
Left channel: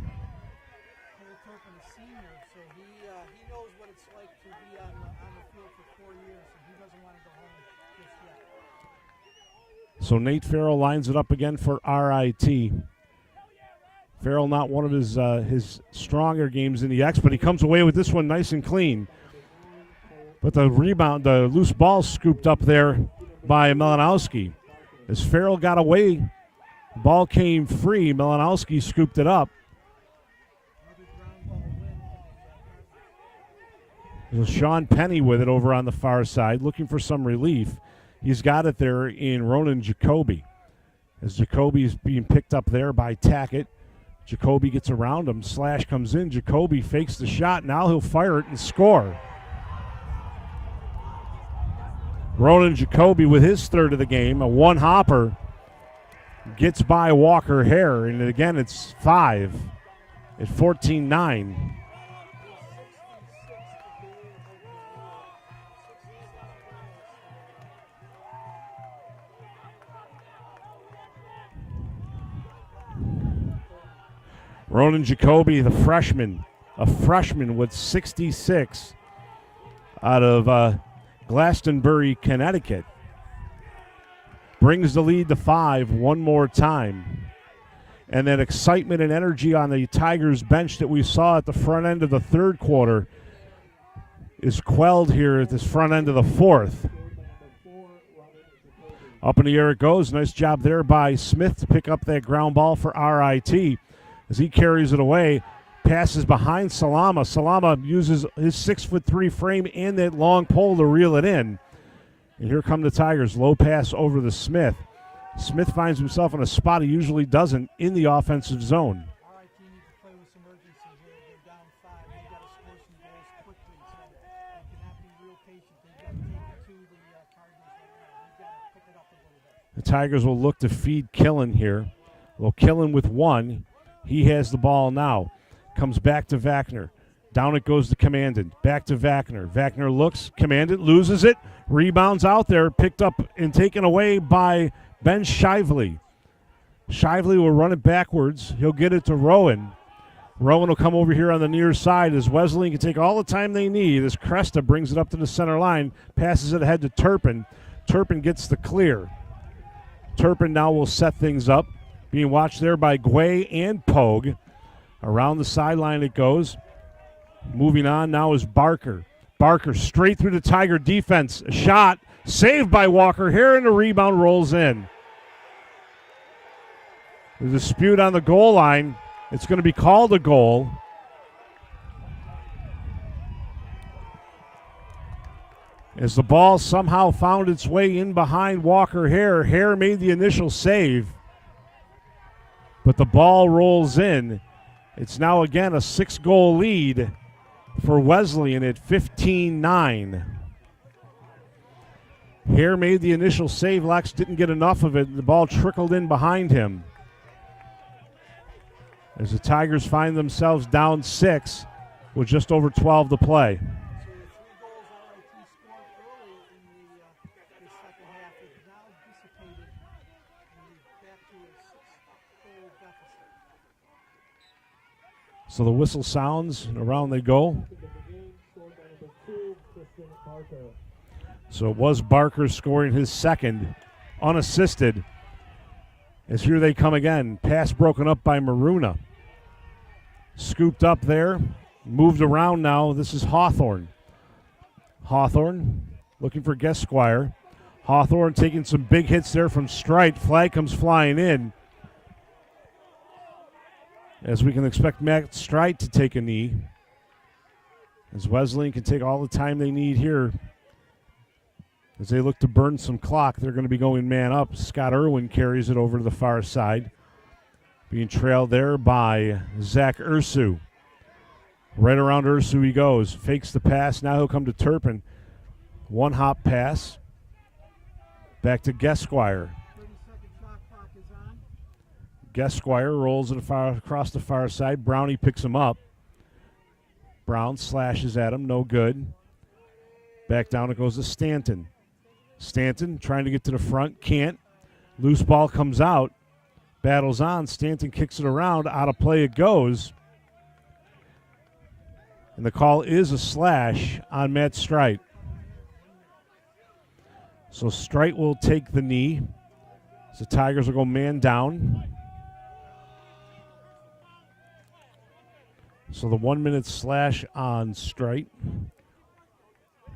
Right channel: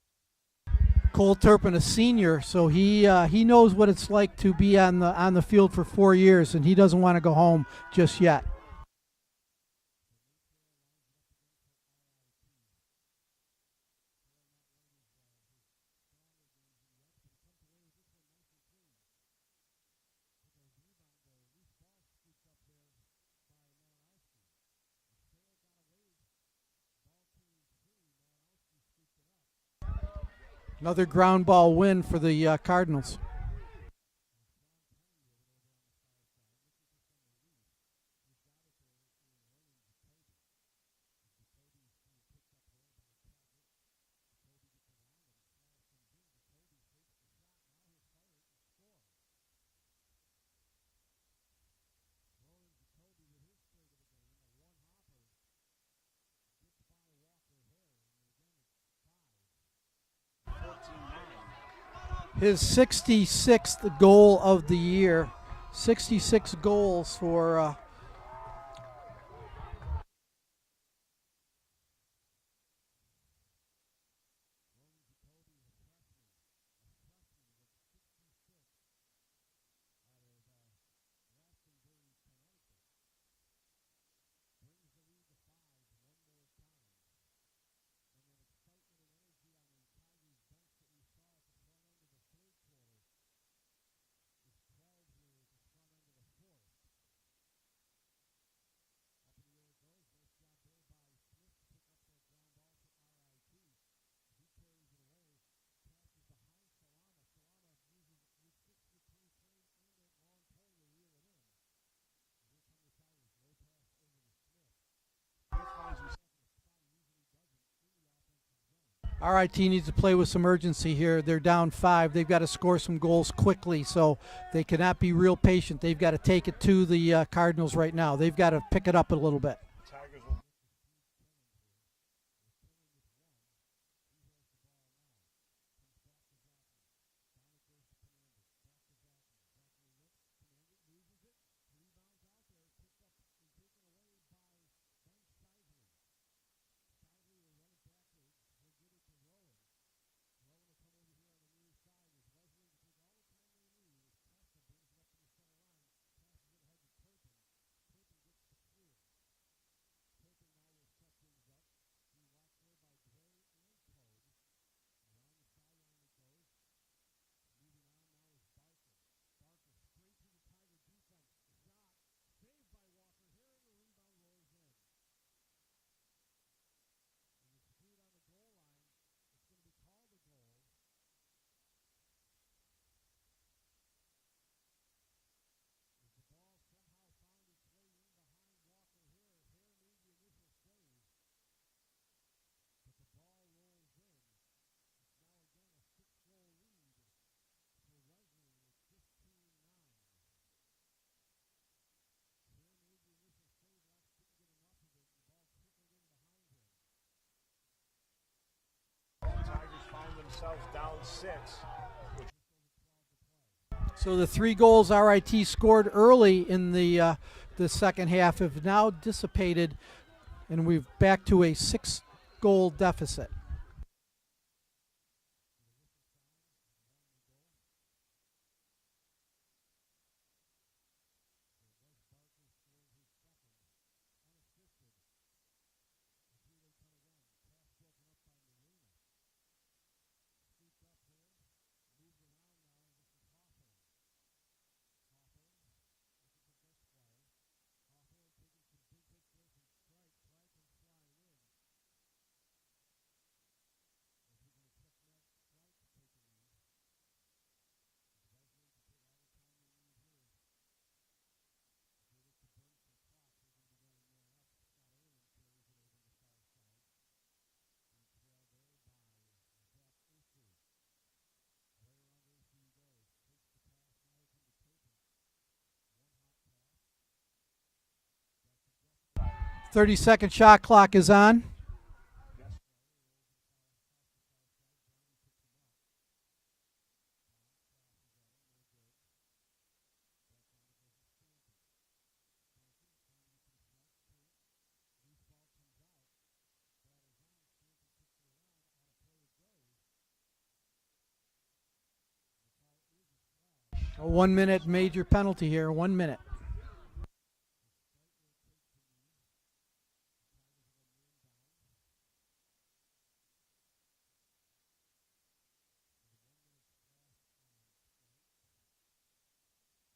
Cole Turpin, a senior, so he knows what it's like to be on the field for 4 years, and he doesn't want to go home just yet. So Nate Farrell lines it up again for RIT. Farrell not one of his stronger games in the X, but he comes away with this one nice and clean. But the rebound, the loose ball scooped up there by Melanowski. As Farrell got away, the ball came free. Melanowski scooped it up. Another ground ball win for the Cardinals. There's Sean Penny with it over on the far side, looking for some relief. He's got it there in Ronan Jacoby. As Jacoby is being picked up there by Tackett. Jacoby gets around him. Slash comes in. Jacoby fakes the shot. Now he'll fire it and score. Ronan Jacoby with his third of the game, a one-hopper, gets by Walker Hare, and again it's 5 at 14-9. His 66th goal of the year. 66 goals for Ronan Jacoby, the freshman, a freshman with 66 out of Glastonbury, Connecticut. Brings the lead to 5 one more time. And that excitement and energy on the Tigers bench that we saw at the front end of the third quarter is quelled here at this front end of the fourth. Up in the air it goes. Nice job there by Smith to pick up that ground ball for RIT. As he carries it away, passes behind Salama. Salama uses his 6'3" frame and that long pole to reel it in. And here come the Tigers. Low pass over to Smith. Smith finds himself in a spot he usually doesn't in the offensive zone. RIT needs to play with some urgency here. They're down 5. They've got to score some goals quickly, so they cannot be real patient. They've got to take it to the Cardinals right now. They've got to pick it up a little bit. The Tigers will look to feed Killen here. Well, Killen with 1. He has the ball now. Comes back to Vachner. Down it goes to Commandant. Back to Vachner. Vachner looks. Commandant loses it. Rebounds out there. Picked up and taken away by Ben Shively. Shively will run it backwards. He'll get it to Rowan. Rowan will come over here on the near side as Wesleyan can take all the time they need. As Cresta brings it up to the center line. Passes it ahead to Turpin. Turpin gets the clear. Turpin now will set things up. Being watched there by Guay and Pogue. Around the sideline it goes. Moving on now is Barker. Barker straight through the Tiger defense. A shot saved by Walker Hare, and the rebound rolls in. There's a dispute on the goal line. It's going to be called a goal. As the ball somehow found its way in behind Walker Hare. Hare made the initial save, but the ball rolls in. It's now again a 6-goal lead for Wesleyan at 15-9. Hare made the initial save. Lex didn't get enough of it. The ball trickled in behind him. as the Tigers find themselves down 6 with just over 12 to play. So the 3 goals RIT scored early in the second half have now dissipated, and we're back to a 6-goal deficit. So the whistle sounds, and around they go. So it was Barker scoring his second, unassisted. As here they come again. Pass broken up by Maruna. Scooped up there, moved around now. This is Hawthorne. Hawthorne looking for Guesquire. Hawthorne taking some big hits there from Strite. Flag comes flying in. As we can expect Matt Strite to take a knee. As Wesleyan can take all the time they need here. As they look to burn some clock, they're going to be going man up. Scott Irwin carries it over to the far side. Being trailed there by Zach Ursu. Right around Ursu he goes. Fakes the pass. Now he'll come to Turpin. 1-hop pass. Back to Guesquire. 30-second shot clock is on. Guesquire rolls it across the far side. Brownie picks him up. Brown slashes at him. No good. Back down it goes to Stanton. Stanton trying to get to the front. Can't. Loose ball comes out. Battles on. Stanton kicks it around. Out of play it goes. And the call is a slash on Matt Strite. 1 minute major penalty here. 1 minute. So Strite will take the knee. So Tigers will go man down. So the 1 minute slash on Strite.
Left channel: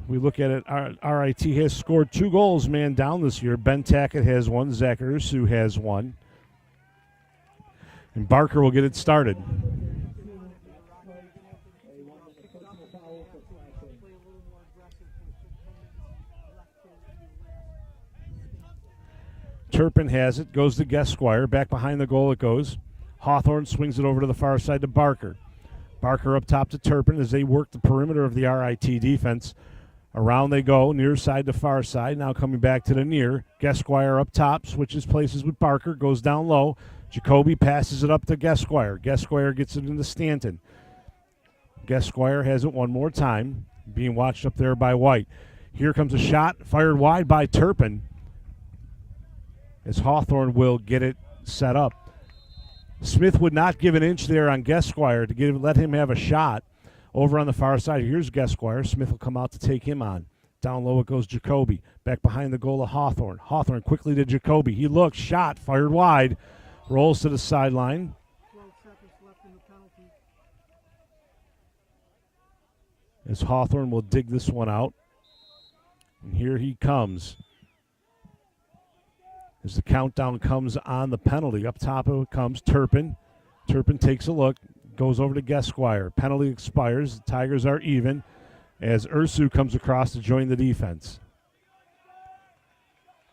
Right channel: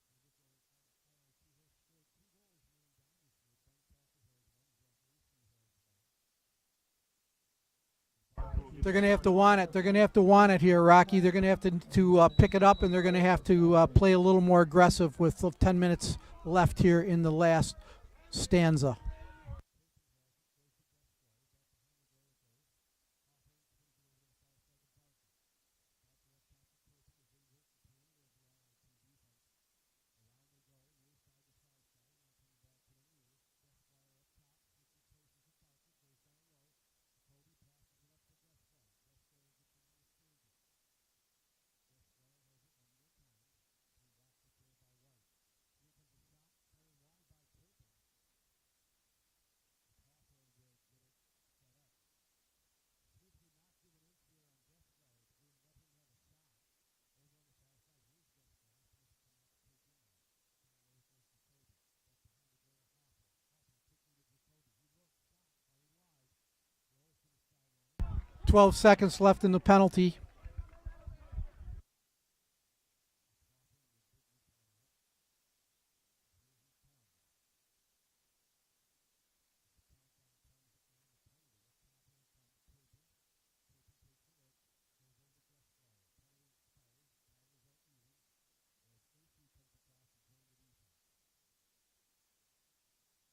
We look at it, RIT has scored 2 goals man down this year. Ben Tackett has 1. Zach Ursu has 1. And Barker will get it started. They're going to have to want it here, Rocky. They're going to have to pick it up, and they're going to have to play a little more aggressive with 10 minutes left here in the last stanza. Turpin has it, goes to Guesquire. Back behind the goal it goes. Hawthorne swings it over to the far side to Barker. Barker up top to Turpin as they work the perimeter of the RIT defense. Around they go, near side to far side. Now coming back to the near. Guesquire up top, switches places with Barker, goes down low. Jacoby passes it up to Guesquire. Guesquire gets it into Stanton. Guesquire has it one more time, being watched up there by White. Here comes a shot, fired wide by Turpin, as Hawthorne will get it set up. Smith would not give an inch there on Guesquire to let him have a shot. Over on the far side, here's Guesquire. Smith will come out to take him on. Down low it goes Jacoby. Back behind the goal of Hawthorne. Hawthorne quickly to Jacoby. He looks, shot, fired wide. Rolls to the sideline. 12 seconds left in the penalty. As Hawthorne will dig this one out. And here he comes. As the countdown comes on the penalty. Up top of it comes Turpin. Turpin takes a look. Goes over to Guesquire. Penalty expires. The Tigers are even as Ursu comes across to join the defense.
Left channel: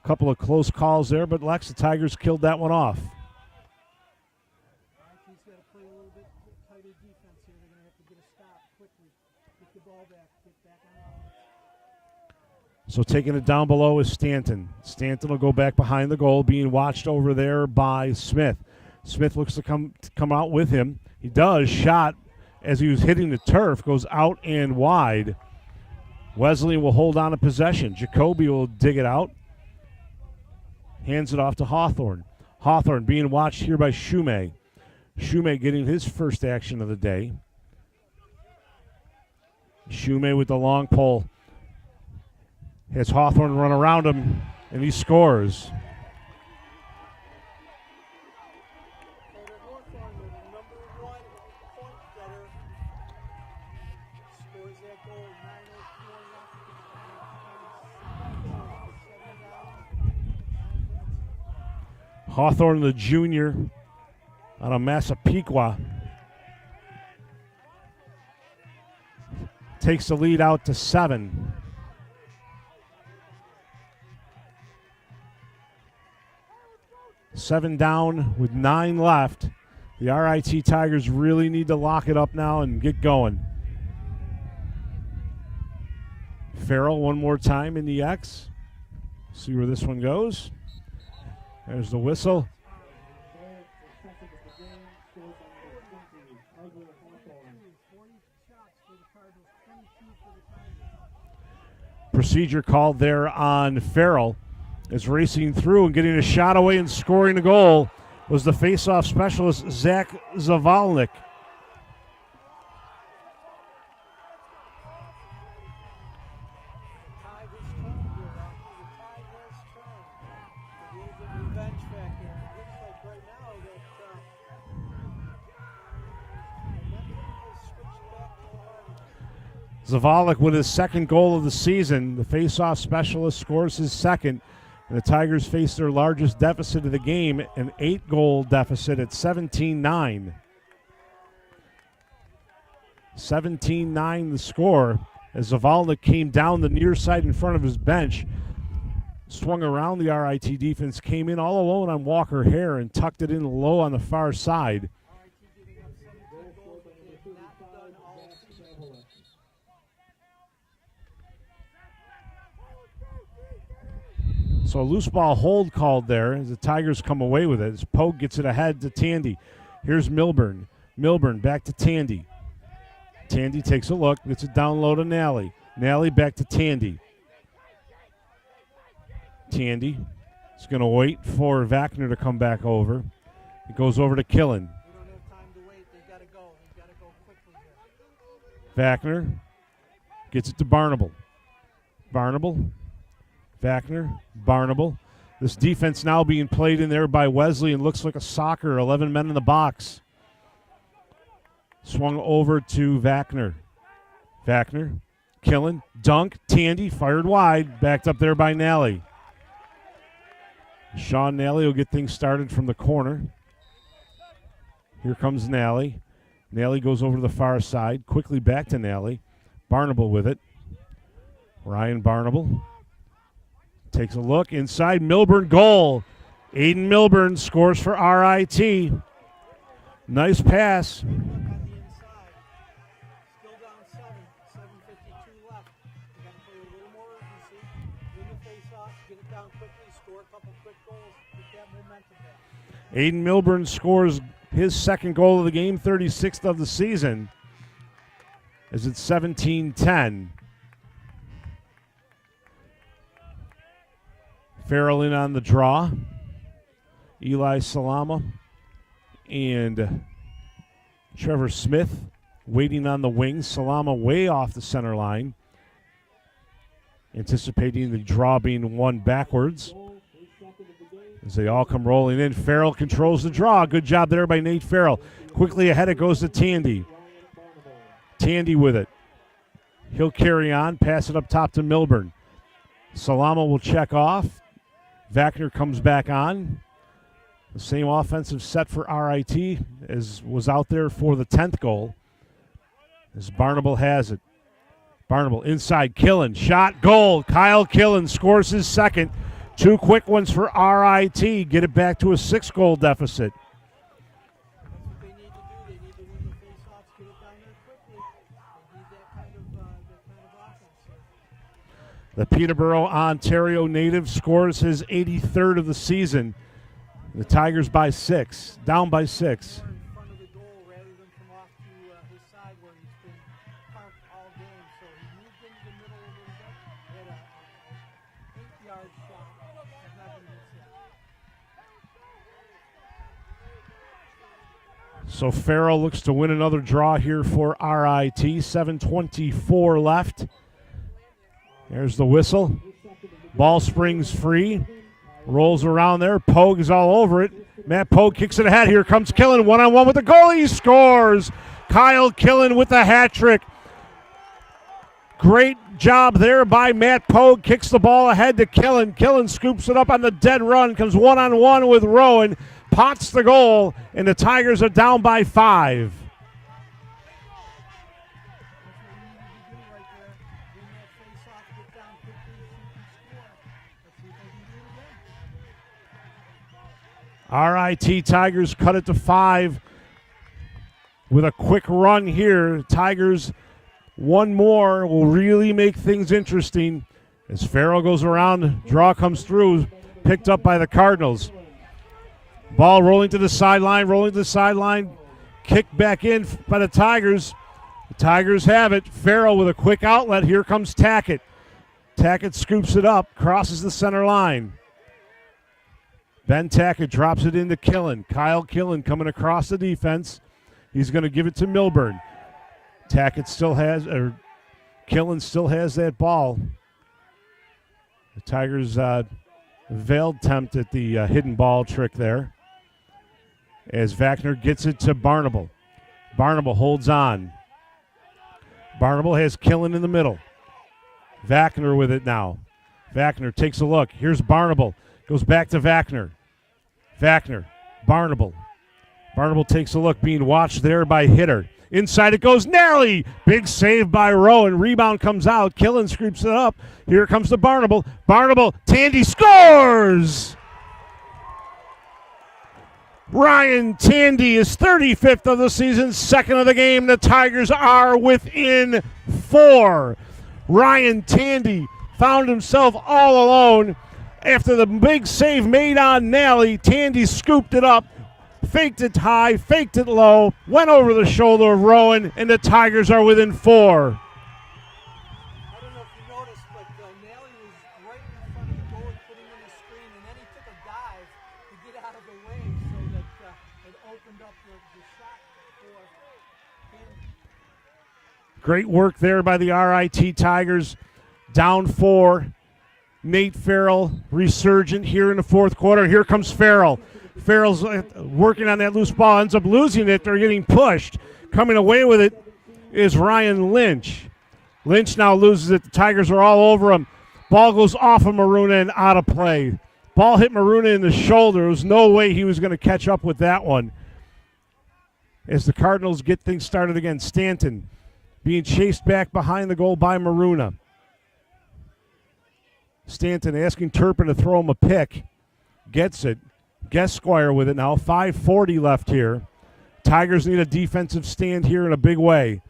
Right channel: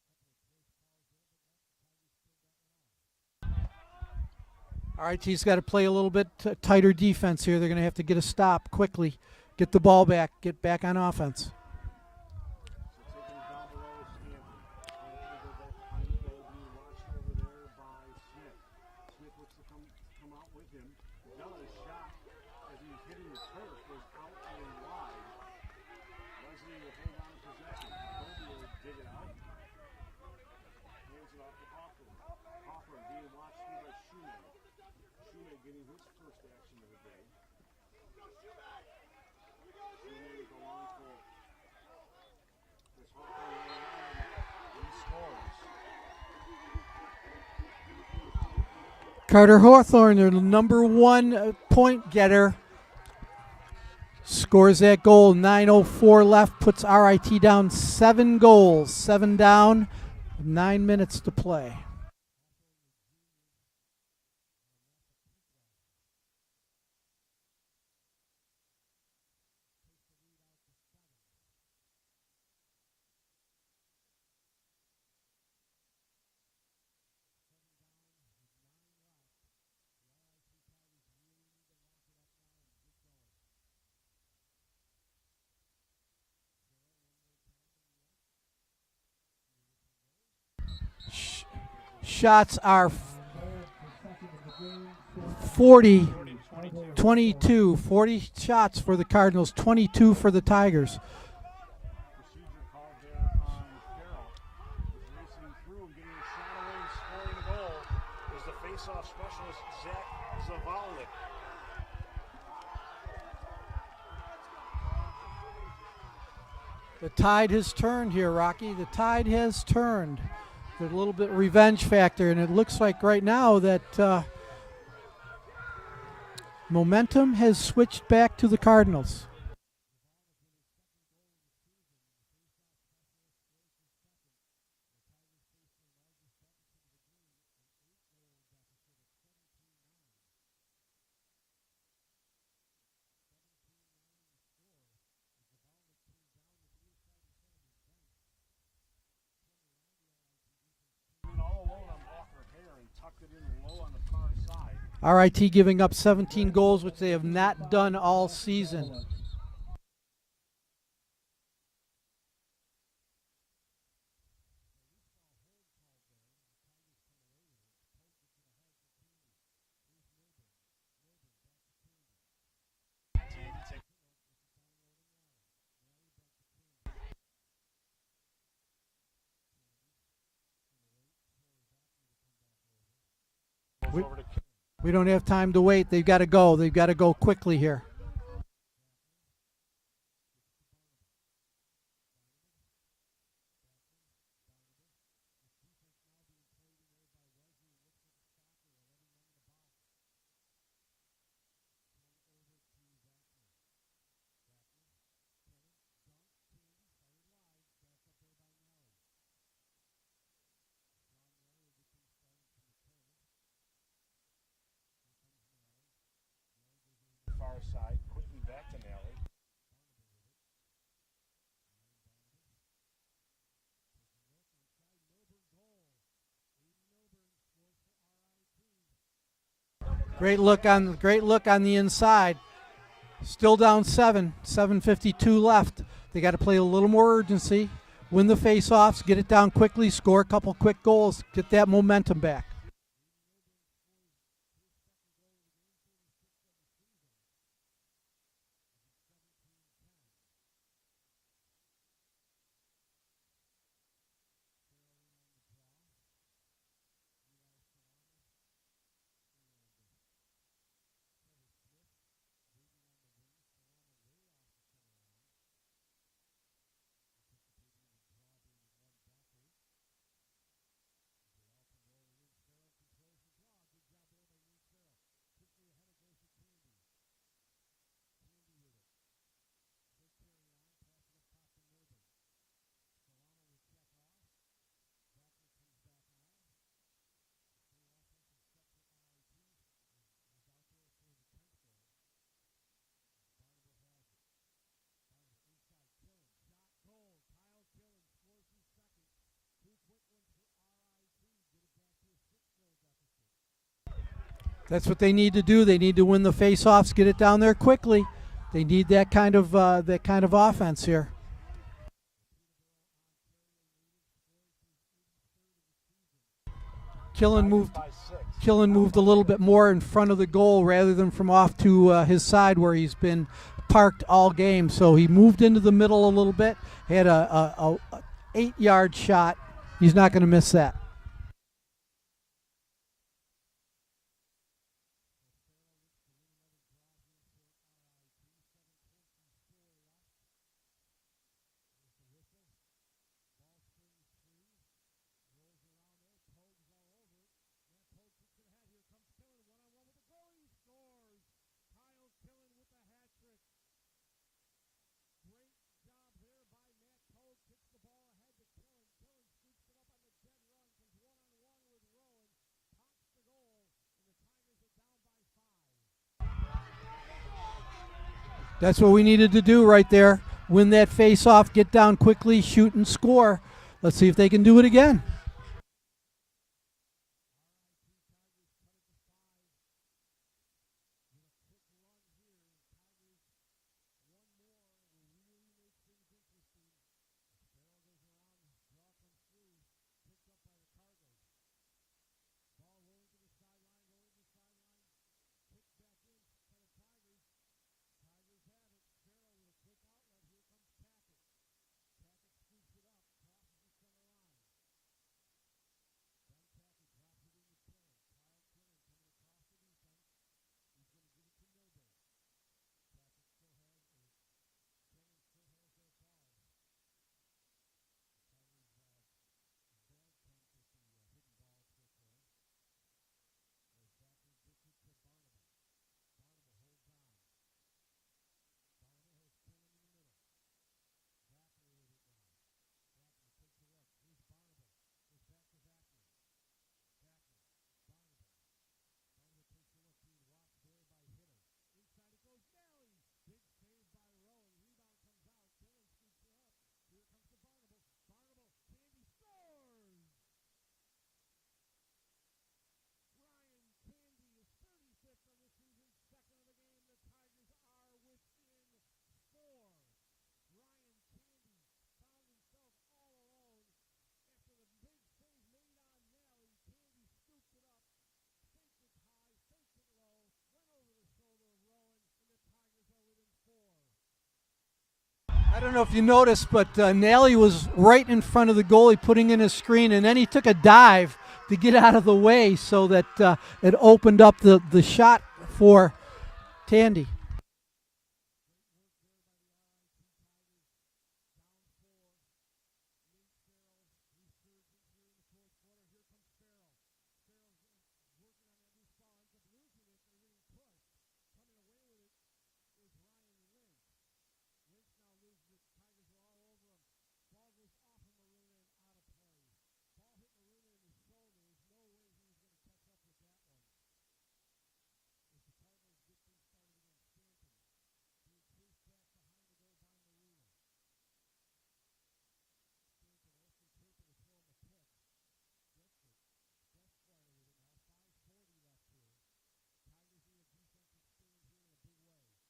A couple of close calls there, but Lex, the Tigers killed that one off. All right, he's got to play a little bit tighter defense here. They're going to have to get a stop quickly, get the ball back, get back on offense. So taking it down below is Stanton. Stanton will go back behind the goal, being watched over there by Smith. Smith looks to come out with him. He does. Shot as he was hitting the turf goes out and wide. Wesleyan will hold on to possession. Jacoby will dig it out. Hands it off to Hawthorne. Hawthorne being watched here by Shumay. Shumay getting his first action of the day. Shumay with the long pole. Has Hawthorne run around him, and he scores. Carter Hawthorne, their number 1 point getter, scores that goal. 9:04 left, puts RIT down 7 goals. 7 down, 9 minutes to play. Hawthorne, the junior, out of Massapequa, takes the lead out to 7. Seven down with 9 left. The RIT Tigers really need to lock it up now and get going. Farrell one more time in the X. See where this one goes. There's the whistle. Shots are 40, 22. 40 shots for the Cardinals, 22 for the Tigers. Procedure called there on Farrell. Is racing through and getting a shot away and scoring a goal was the faceoff specialist, Zach Zavalnik. The tide has turned here, Rocky. The tide has turned. There's a little bit revenge factor, and it looks like right now that momentum has switched back to the Cardinals. Zavalnik with his second goal of the season. The faceoff specialist scores his second. And the Tigers face their largest deficit of the game, an 8-goal deficit at 17-9. 17-9 the score as Zavalnik came down the near side in front of his bench, swung around the RIT defense, came in all alone on Walker Hare and tucked it in low on the far side. RIT giving up 17 goals, which they have not done all season. So a loose ball hold called there as the Tigers come away with it. As Pogue gets it ahead to Tandy. Here's Milburn. Milburn back to Tandy. Tandy takes a look, gets it down low to Nally. Nally back to Tandy. Tandy is going to wait for Wagner to come back over. It goes over to Killen. We don't have time to wait. They've got to go. They've got to go quickly here. Wagner gets it to Barnable. Barnable. Wagner, Barnable. This defense now being played in there by Wesleyan looks like a soccer, 11 men in the box. Swung over to Wagner. Wagner, Killen, dunk, Tandy, fired wide, backed up there by Nally. Sean Nally will get things started from the corner. Here comes Nally. Nally goes over to the far side, quickly back to Nally. Barnable with it. Ryan Barnable. Takes a look inside. Milburn goal. Aiden Milburn scores for RIT. Nice pass. Great look on the inside. Still down 7. 7:52 left. They got to play a little more urgency. Win the face-offs. Get it down quickly. Score a couple quick goals. Get that momentum back. Aiden Milburn scores his second goal of the game, 36th of the season. As it's 17-10. Farrell in on the draw. Eli Salama and Trevor Smith waiting on the wings. Salama way off the center line. Anticipating the draw being won backwards. As they all come rolling in. Farrell controls the draw. Good job there by Nate Farrell. Quickly ahead it goes to Tandy. Tandy with it. He'll carry on. Pass it up top to Milburn. Salama will check off. Wagner comes back on. The same offensive set for RIT as was out there for the 10th goal. As Barnable has it. Barnable inside, Killen, shot, goal. Kyle Killen scores his second. 2 quick ones for RIT. Get it back to a 6-goal deficit. That's what they need to do. They need to win the face-offs, get it down there quickly. They need that kind of offense here. The Peterborough, Ontario native scores his 83rd of the season. The Tigers by 6. Killen down moved a little 6. bit more in front of the goal rather than from off to his side where he's been parked all game. So he moved into the middle a little bit. He had a 8-yard shot. He's not going to miss that. So Farrell looks to win another draw here for RIT. 7:24 left. There's the whistle. Ball springs free. Rolls around there. Pogue is all over it. Matt Pogue kicks it ahead. Here comes Killen. 1-on-1 with the goal. He scores. Kyle Killen with the hat trick. Great job there by Matt Pogue. Kicks the ball ahead to Killen. Killen scoops it up on the dead run. Comes 1-on-1 with Rowan. Pots the goal. And the Tigers are down by 5. That's what we needed to do right there. Win that face-off, get down quickly, shoot and score. Let's see if they can do it again. RIT Tigers cut it to 5 with a quick run here. Tigers, one more will really make things interesting. As Farrell goes around, draw comes through, picked up by the Cardinals. Ball rolling to the sideline, kicked back in by the Tigers. The Tigers have it. Farrell with a quick outlet. Here comes Tackett. Tackett scoops it up, crosses the center line. Ben Tackett drops it into Killen. Kyle Killen coming across the defense. He's going to give it to Milburn. Killen still has that ball. The Tigers veiled attempt at the hidden ball trick there. As Vachner gets it to Barnable. Barnable holds on. Barnable has Killen in the middle. Vachner with it now. Vachner takes a look. Here's Barnable. Goes back to Vachner. Vachner. Barnable. Barnable takes a look, being watched there by Hitter. Inside it goes. Nally! Big save by Rowan. Rebound comes out. Killen scoops it up. Here comes the Barnable. Barnable. Tandy scores! Ryan Tandy is 35th of the season, second of the game. The Tigers are within 4. Ryan Tandy found himself all alone after the big save made on Nally. Tandy scooped it up, faked it high, faked it low, went over the shoulder of Rowan, and the Tigers are within 4. I don't know if you noticed, but Nally was right in front of the goalie putting in his screen, and then he took a dive to get out of the way so that it opened up the shot for Tandy. Great work there by the RIT Tigers. Down 4. Nate Farrell resurgent here in the fourth quarter. Here comes Farrell. Farrell's working on that loose ball, ends up losing it. They're getting pushed. Coming away with it is Ryan Lynch. Lynch now loses it. The Tigers are all over him. Ball goes off of Maruna and out of play. Ball hit Maruna in the shoulder. There was no way he was going to catch up with that one. As the Cardinals get things started again, Stanton being chased back behind the goal by Maruna. Stanton asking Turpin to throw him a pick. Gets it. Guesquire with it now. 5:40 left here. Tigers need a defensive stand here in a big way.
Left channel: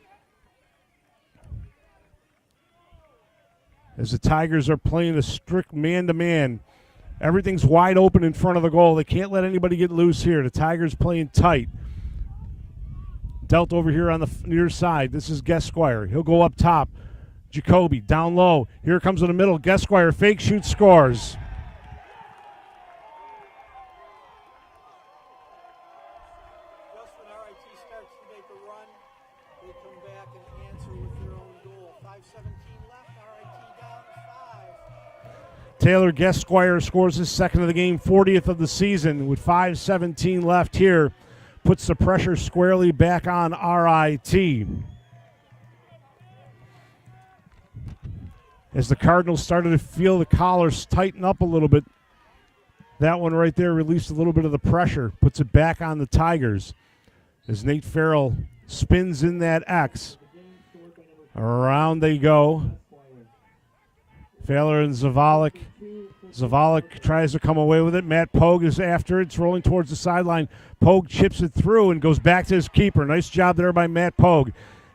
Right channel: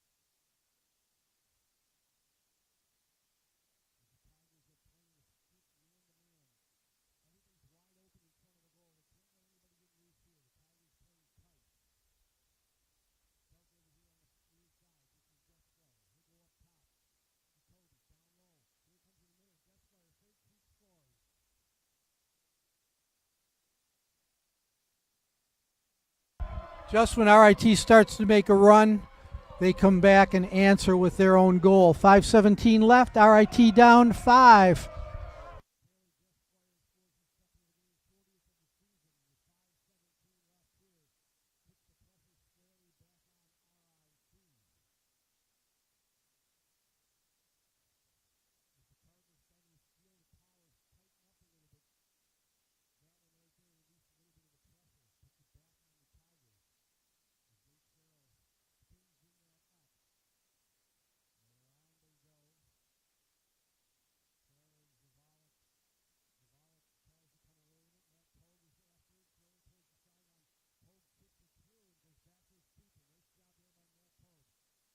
As the Tigers are playing a strict man-to-man. Everything's wide open in front of the goal. They can't let anybody get loose here. The Tigers playing tight. Dealt over here on the near side. This is Guesquire. He'll go up top. Jacoby down low. Here comes in the middle. Guesquire fake shoot, scores. Just when RIT starts to make a run, they come back and answer with their own goal. 5:17 left. RIT down 5. Taylor Guesquire scores his second of the game, 40th of the season, with 5:17 left here. Puts the pressure squarely back on RIT. As the Cardinals started to feel the collars tighten up a little bit, that one right there released a little bit of the pressure, puts it back on the Tigers. As Nate Farrell spins in that X. Around they go. Failer and Zavalik. Zavalik tries to come away with it. Matt Pogue is after it. It's rolling towards the sideline. Pogue chips it through and goes back to his keeper. Nice job there by Matt Pogue.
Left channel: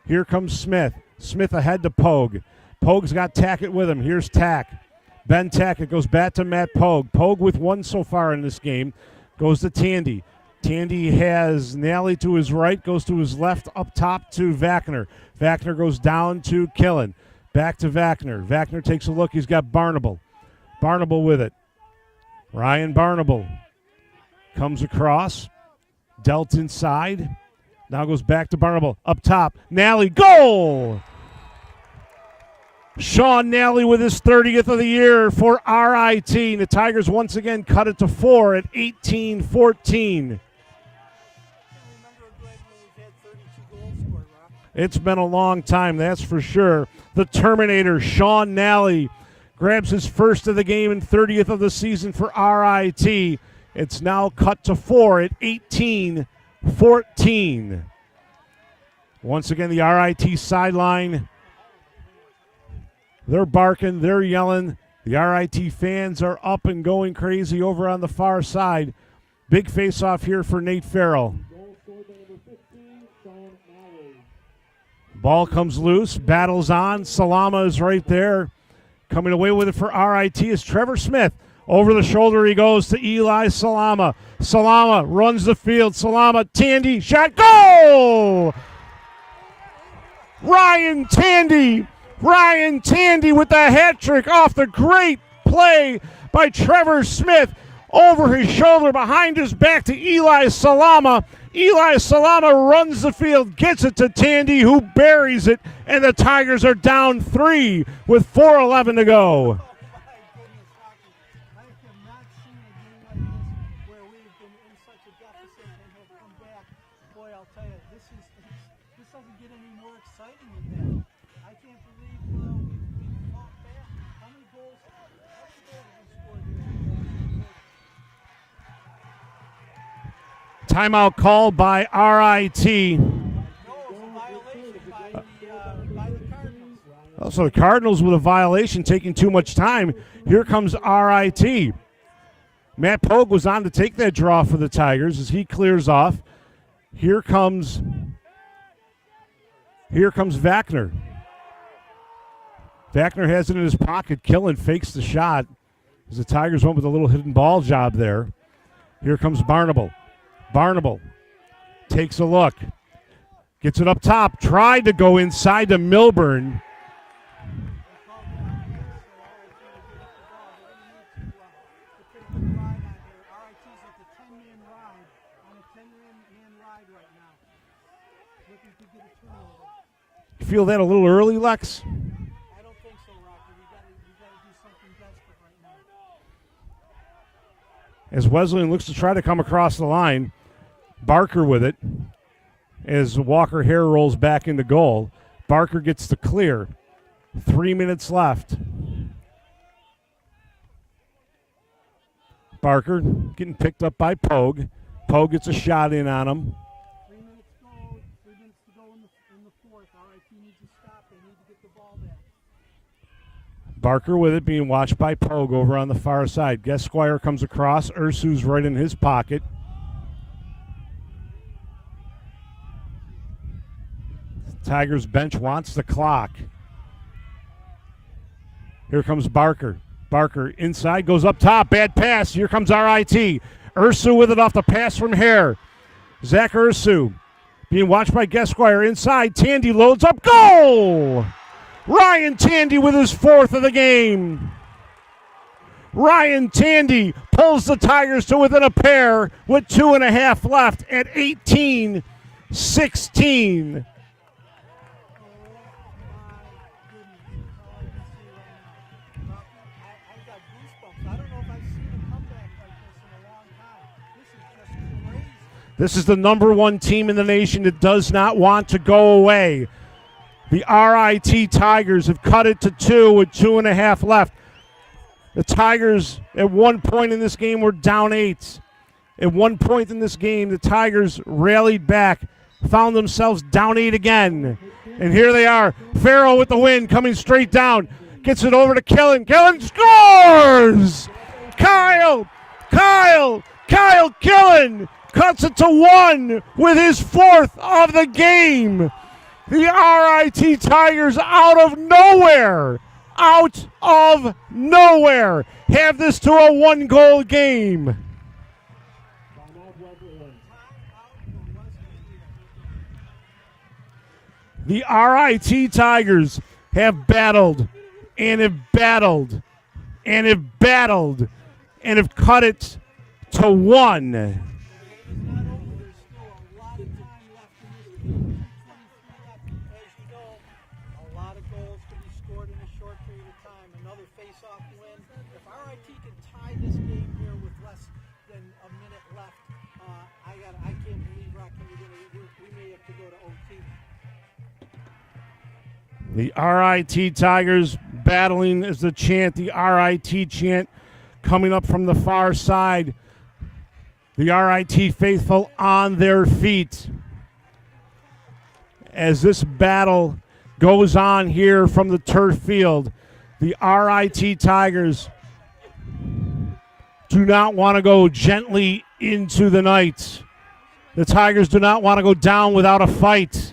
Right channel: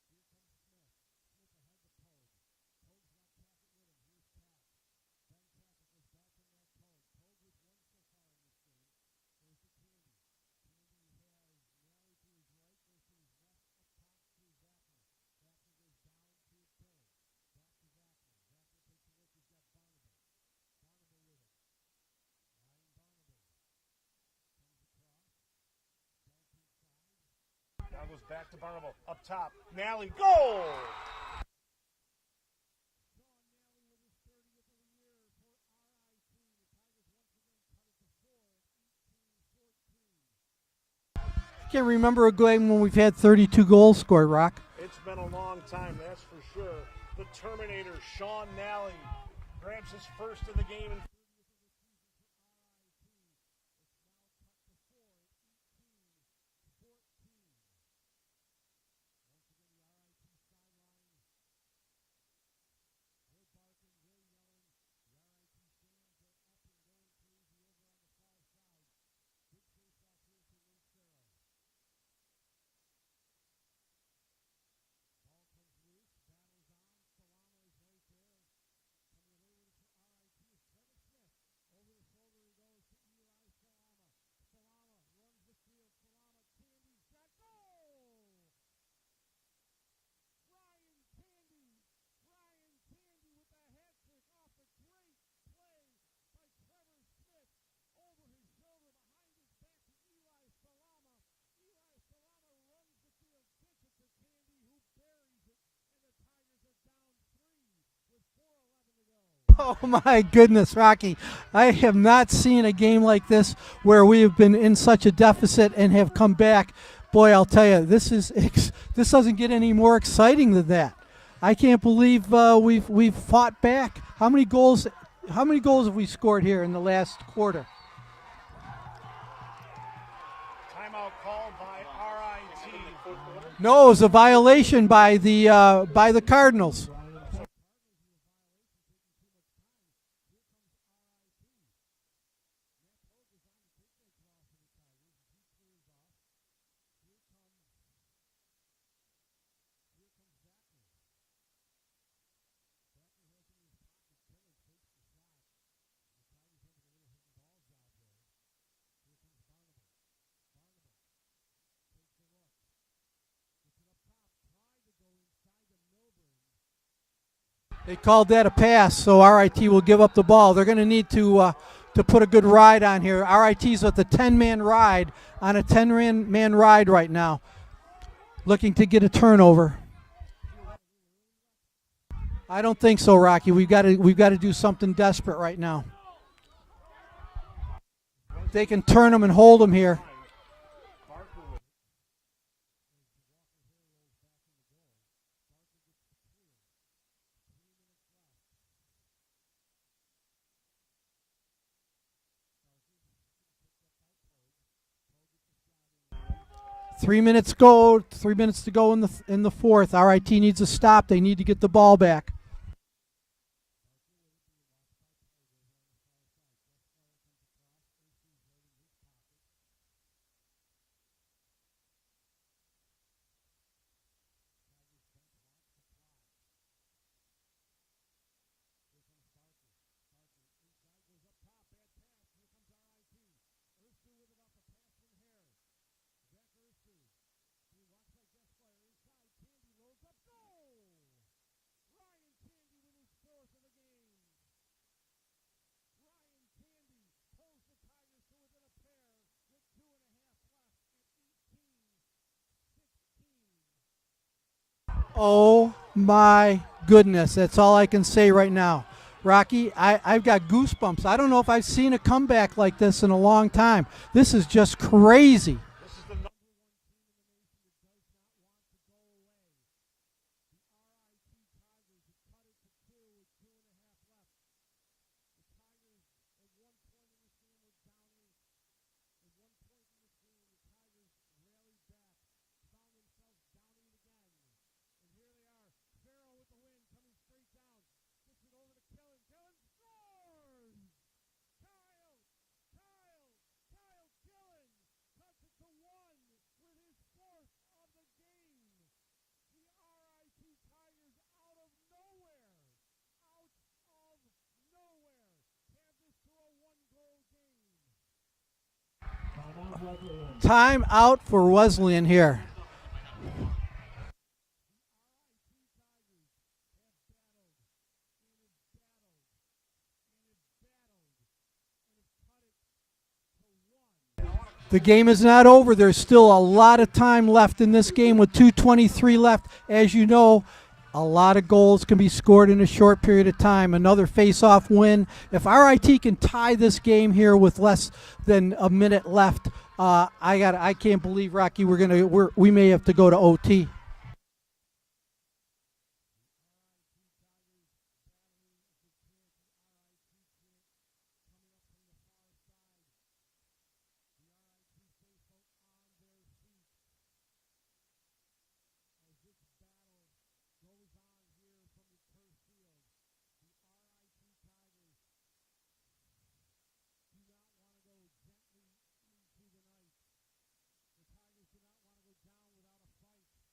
Here comes Smith. Smith ahead to Pogue. Pogue's got Tackett with him. Here's Tack. Ben Tackett goes back to Matt Pogue. Pogue with one so far in this game. Goes to Tandy. Tandy has Nally to his right. Goes to his left up top to Vachner. Vachner goes down to Killen. Back to Vachner. Vachner takes a look. He's got Barnable. Barnable with it. Ryan Barnable comes across. Dealt inside. Now goes back to Barnable. Up top. Nally. Goal! Sean Nally with his 30th of the year for RIT. The Tigers once again cut it to 4 at 18-14. I can't remember a game when we've had 32 goals scored, Rock. It's been a long time, that's for sure. The Terminator, Sean Nally, grabs his first of the game and 30th of the season for RIT. It's now cut to 4 at 18-14. Once again, the RIT sideline. They're barking, they're yelling. The RIT fans are up and going crazy over on the far side. Big face-off here for Nate Farrell. Ball comes loose, battles on. Salama is right there. Coming away with it for RIT is Trevor Smith. Over the shoulder he goes to Eli Salama. Salama runs the field. Salama, Tandy, shot, goal! Ryan Tandy with the hat trick off the great play by Trevor Smith. Over his shoulder, behind his back to Eli Salama. Eli Salama runs the field, gets it to Tandy, who buries it, and the Tigers are down 3 with 4:11 to go. Oh, my goodness, Rocky. I have not seen a game like this where we have been in such a deficit and have come back. Boy, I'll tell you, this doesn't get any more exciting than that. I can't believe we've fought back. How many goals have we scored here in the last quarter? Timeout called by RIT. No, it was a violation by the Cardinals. So the Cardinals with a violation, taking too much time. Here comes RIT. Matt Pogue was on to take that draw for the Tigers as he clears off. Here comes Vacner. Vacner has it in his pocket. Killen fakes the shot as the Tigers went with a little hidden ball job there. Here comes Barnable. Barnable takes a look. Gets it up top. Tried to go inside to Milburn. They called that a pass, so RIT will give up the ball. They're going to need to put a good ride on here. RIT's with a 10-man ride, on a 10-man ride right now, looking to get a turnover. You feel that a little early, Lex? I don't think so, Rocky. We've got to do something desperate right now. As Wesleyan looks to try to come across the line. Barker with it as Walker Hare rolls back into goal. Barker gets the clear. 3 minutes left. Barker getting picked up by Pogue. Pogue gets a shot in on him. 3 minutes go. 3 minutes to go in the fourth. RIT needs a stop. They need to get the ball back. Barker with it, being watched by Pogue over on the far side. Guesquire comes across. Ursu's right in his pocket. Tigers bench wants the clock. Here comes Barker. Barker inside, goes up top. Bad pass. Here comes RIT. Ursu with it off the pass from Hare. Zach Ursu being watched by Guesquire inside. Tandy loads up. Goal! Ryan Tandy with his 4th of the game. Ryan Tandy pulls the Tigers to within a pair with 2.5 left at 18-16. Oh, my goodness. That's all I can say right now. Rocky, I've got goosebumps. I don't know if I've seen a comeback like this in a long time. This is just crazy. This is the #1 team in the nation that does not want to go away. The RIT Tigers have cut it to 2 with 2.5 left. The Tigers, at one point in this game, were down 8. At one point in this game, the Tigers rallied back, found themselves down 8 again. And here they are. Farrell with the win, coming straight down. Gets it over to Killen. Killen scores! Kyle Killen cuts it to 1 with his 4th of the game. The RIT Tigers out of nowhere have this to a 1-goal game. Time out for Wesleyan here. The RIT Tigers have battled and have battled and have battled and have cut it to 1. The game is not over. There's still a lot of time left in this game with 2:23 left. As you know, a lot of goals can be scored in a short period of time. Another face-off win. If RIT can tie this game here with less than a minute left, I can't believe, Rocky, we may have to go to OT. The RIT Tigers battling as the chant, the RIT chant coming up from the far side. The RIT faithful on their feet as this battle goes on here from the turf field. The RIT Tigers do not want to go gently into the night. The Tigers do not want to go down without a fight.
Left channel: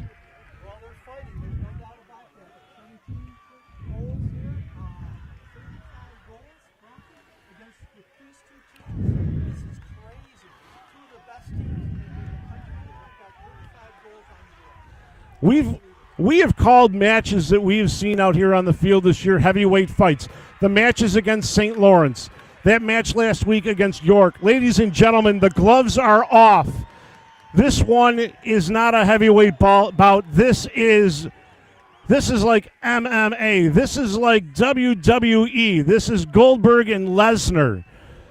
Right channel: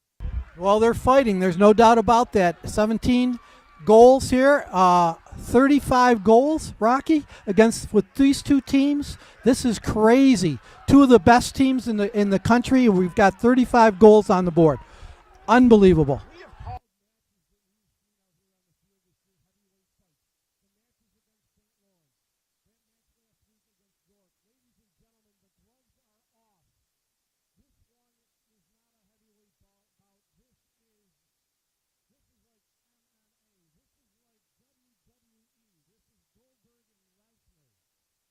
Well, they're fighting. There's no doubt about that. 17 goals here, 35 goals, Rocky, with these two teams. This is crazy. Two of the best teams in the country, and we've got 35 goals on the board. Unbelievable. We have called matches that we have seen out here on the field this year heavyweight fights. The matches against St. Lawrence, that match last week against York. Ladies and gentlemen, the gloves are off. This one is not a heavyweight bout. This is like MMA. This is like WWE. This is Goldberg and Lesnar.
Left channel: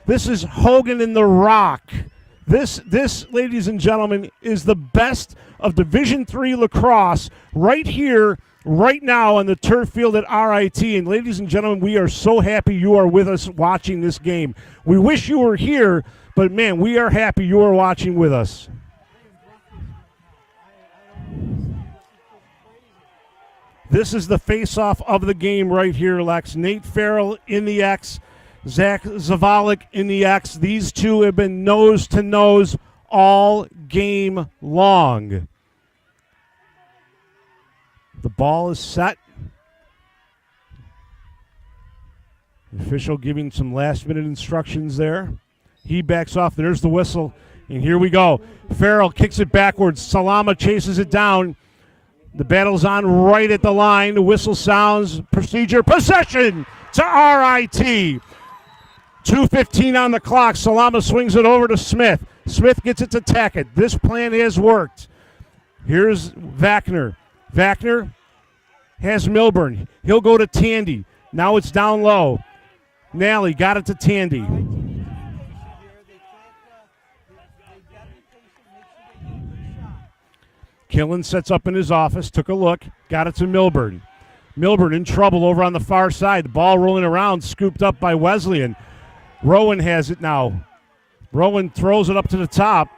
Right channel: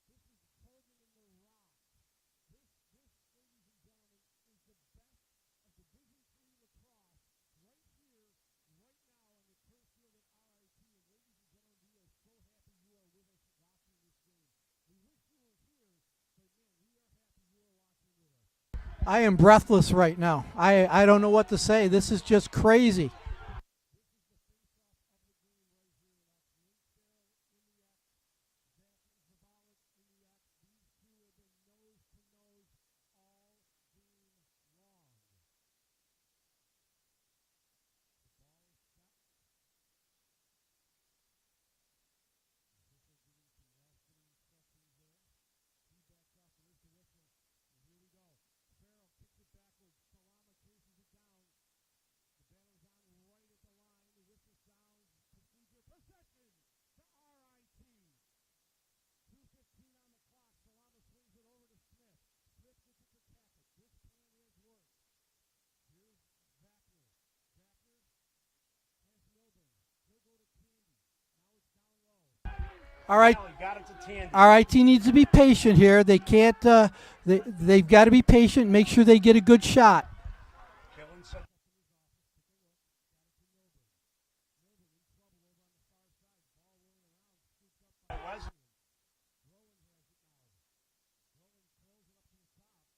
This is Hogan and The Rock. This, ladies and gentlemen, is the best of Division III lacrosse right here, right now on the turf field at RIT. And ladies and gentlemen, we are so happy you are with us watching this game. We wish you were here, but man, we are happy you are watching with us. I am breathless right now. I don't know what to say. This is just crazy. This is the face-off of the game right here, Lex. Nate Farrell in the X, Zach Zavalik in the X. These two have been nose-to-nose all game long. The ball is set. The official giving some last-minute instructions there. He backs off. There's the whistle. And here we go. Farrell kicks it backwards. Salama chases it down. The battle's on right at the line. The whistle sounds. Procedure. Possession to RIT. 2:15 on the clock. Salama swings it over to Smith. Smith gets it to Tackett. This plan has worked. Here's Wagner. Wagner has Milburn. He'll go to Tandy. Now it's down low. Malley got it to Tandy. RIT needs to be patient here. They can't. They've got to be patient. Make sure they get a good shot. Killen sets up in his office, took a look, got it to Milburn. Milburn in trouble over on the far side. The ball rolling around, scooped up by Wesleyan. Rowan has it now. Rowan throws it up to the top.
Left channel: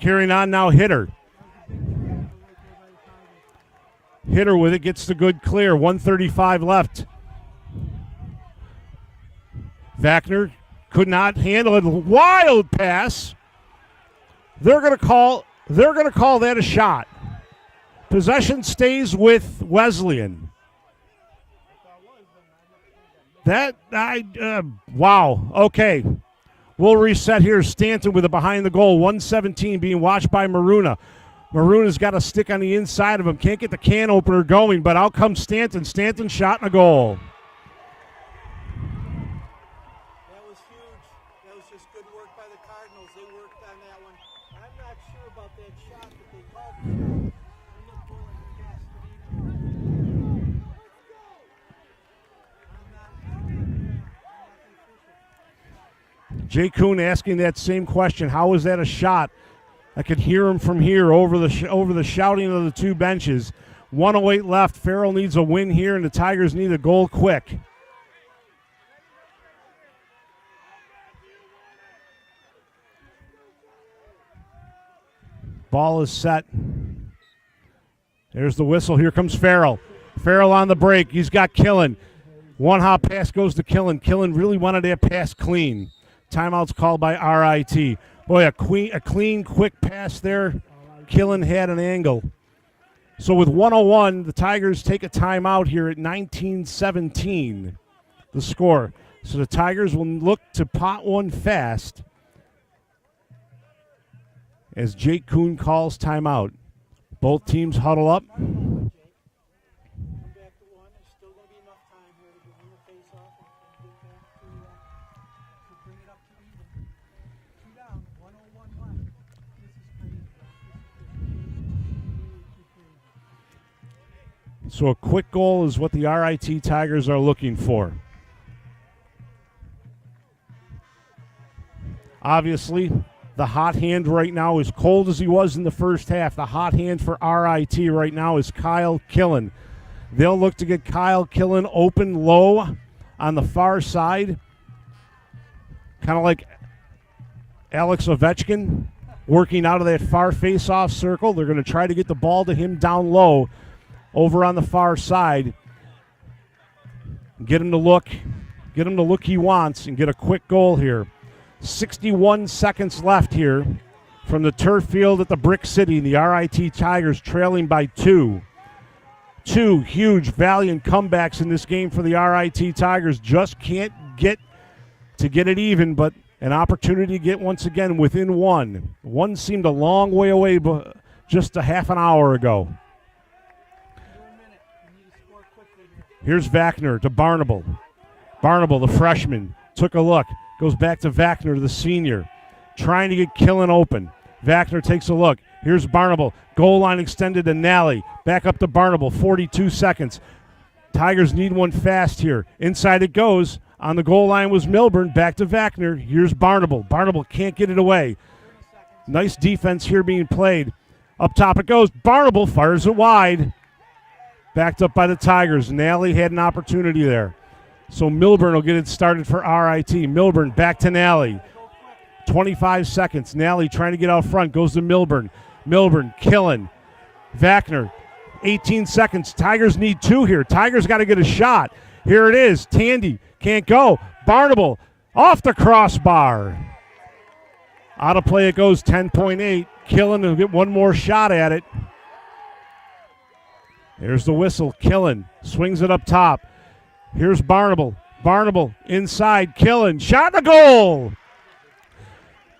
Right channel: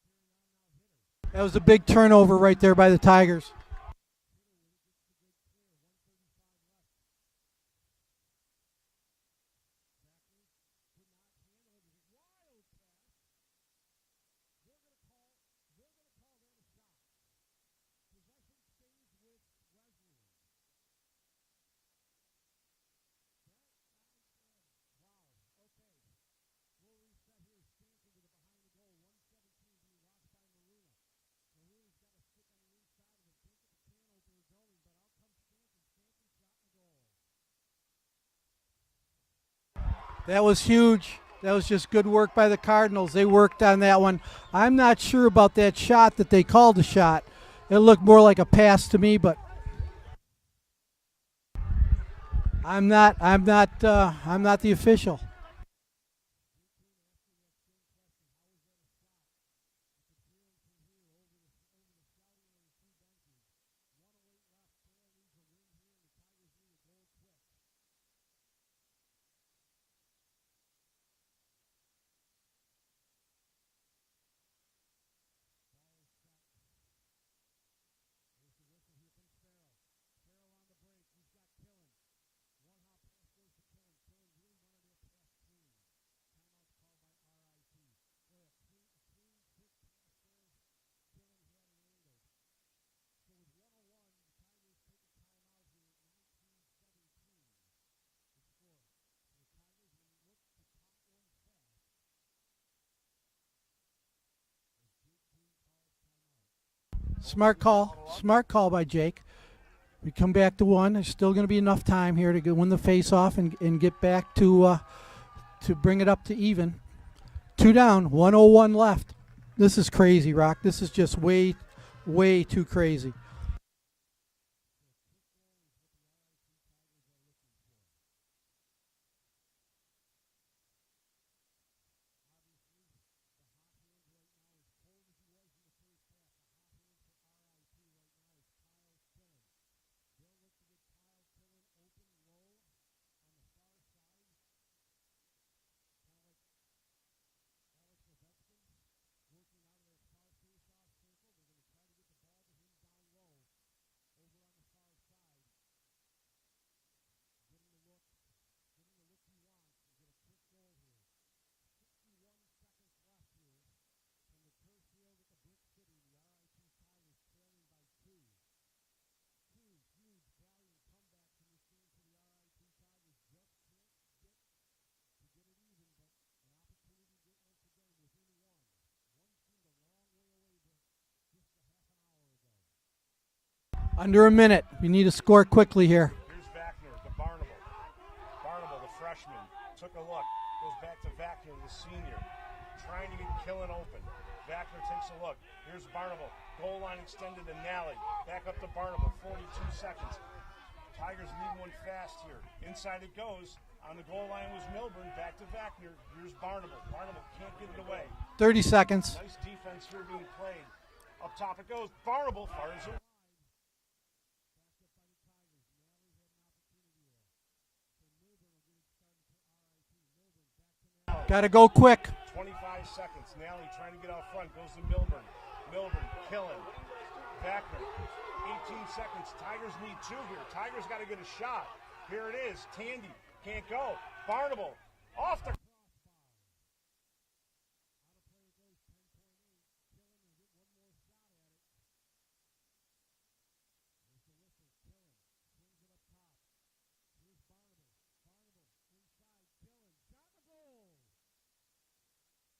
Carrying on now, Hitter. That was a big turnover right there by the Tigers. Hitter with it, gets the good clear. 1:35 left. Wagner could not handle it. Wild pass. They're going to call that a shot. Possession stays with Wesleyan. Wow. Okay. We'll reset here. Stanton with it behind the goal. 1:17 being watched by Maruna. Maruna's got a stick on the inside of him. Can't get the can opener going, but out comes Stanton. Stanton shot and a goal. That was huge. That was just good work by the Cardinals. They worked on that one. I'm not sure about that shot that they called a shot. It looked more like a pass to me, but I'm not the official. Jay Kuhn asking that same question. How was that a shot? I could hear him from here over the shouting of the two benches. 1:08 left. Farrell needs a win here, and the Tigers need a goal quick. Ball is set. There's the whistle. Here comes Farrell. Farrell on the break. He's got Killen. One hop pass goes to Killen. Killen really wanted that pass clean. Timeout's called by RIT. Boy, a clean, quick pass there. Killen had an angle. So with 1:01, the Tigers take a timeout here at 19-17, the score. So the Tigers will look to pot one fast as Jake Kuhn calls timeout. Both teams huddle up. Smart call by Jake. We come back to one. There's still going to be enough time here to win the face-off and get back to bring it up to even. 2 down, 1:01 left. This is crazy, Rock. This is just way, way too crazy. So a quick goal is what the RIT Tigers are looking for. Obviously, the hot hand right now, as cold as he was in the first half, the hot hand for RIT right now is Kyle Killen. They'll look to get Kyle Killen open low on the far side, kind of like Alex Ovechkin working out of that far face-off circle. They're going to try to get the ball to him down low over on the far side. Get him to look he wants and get a quick goal here. 61 seconds left here from the turf field at the Brick City. The RIT Tigers trailing by 2. Two huge, valiant comebacks in this game for the RIT Tigers. Just can't get it even, but an opportunity to get once again within one. One seemed a long way away just a half an hour ago. Under a minute. We need to score quickly here. Here's Wagner to Barnable. Barnable, the freshman, took a look. Goes back to Wagner, the senior. Trying to get Killen open. Wagner takes a look. Here's Barnable. Goal line extended to Nally. Back up to Barnable. 42 seconds. Tigers need one fast here. Inside it goes. On the goal line was Milburn. Back to Wagner. Here's Barnable. Barnable can't get it away. 30 seconds. Nice defense here being played. Up top it goes. Barnable fires it wide. Backed up by the Tigers. Nally had an opportunity there. So Milburn will get it started for RIT. Milburn back to Nally. Got to go quick. 25 seconds. Nally trying to get out front. Goes to Milburn. Milburn, Killen. Wagner, 18 seconds. Tigers need two here. Tigers got to get a shot. Here it is. Tandy can't go. Barnable off the crossbar. Out of play it goes. 10.8. Killen will get one more shot at it. Here's the whistle. Killen swings it up top. Here's Barnable. Barnable inside. Killen. Shot and a goal.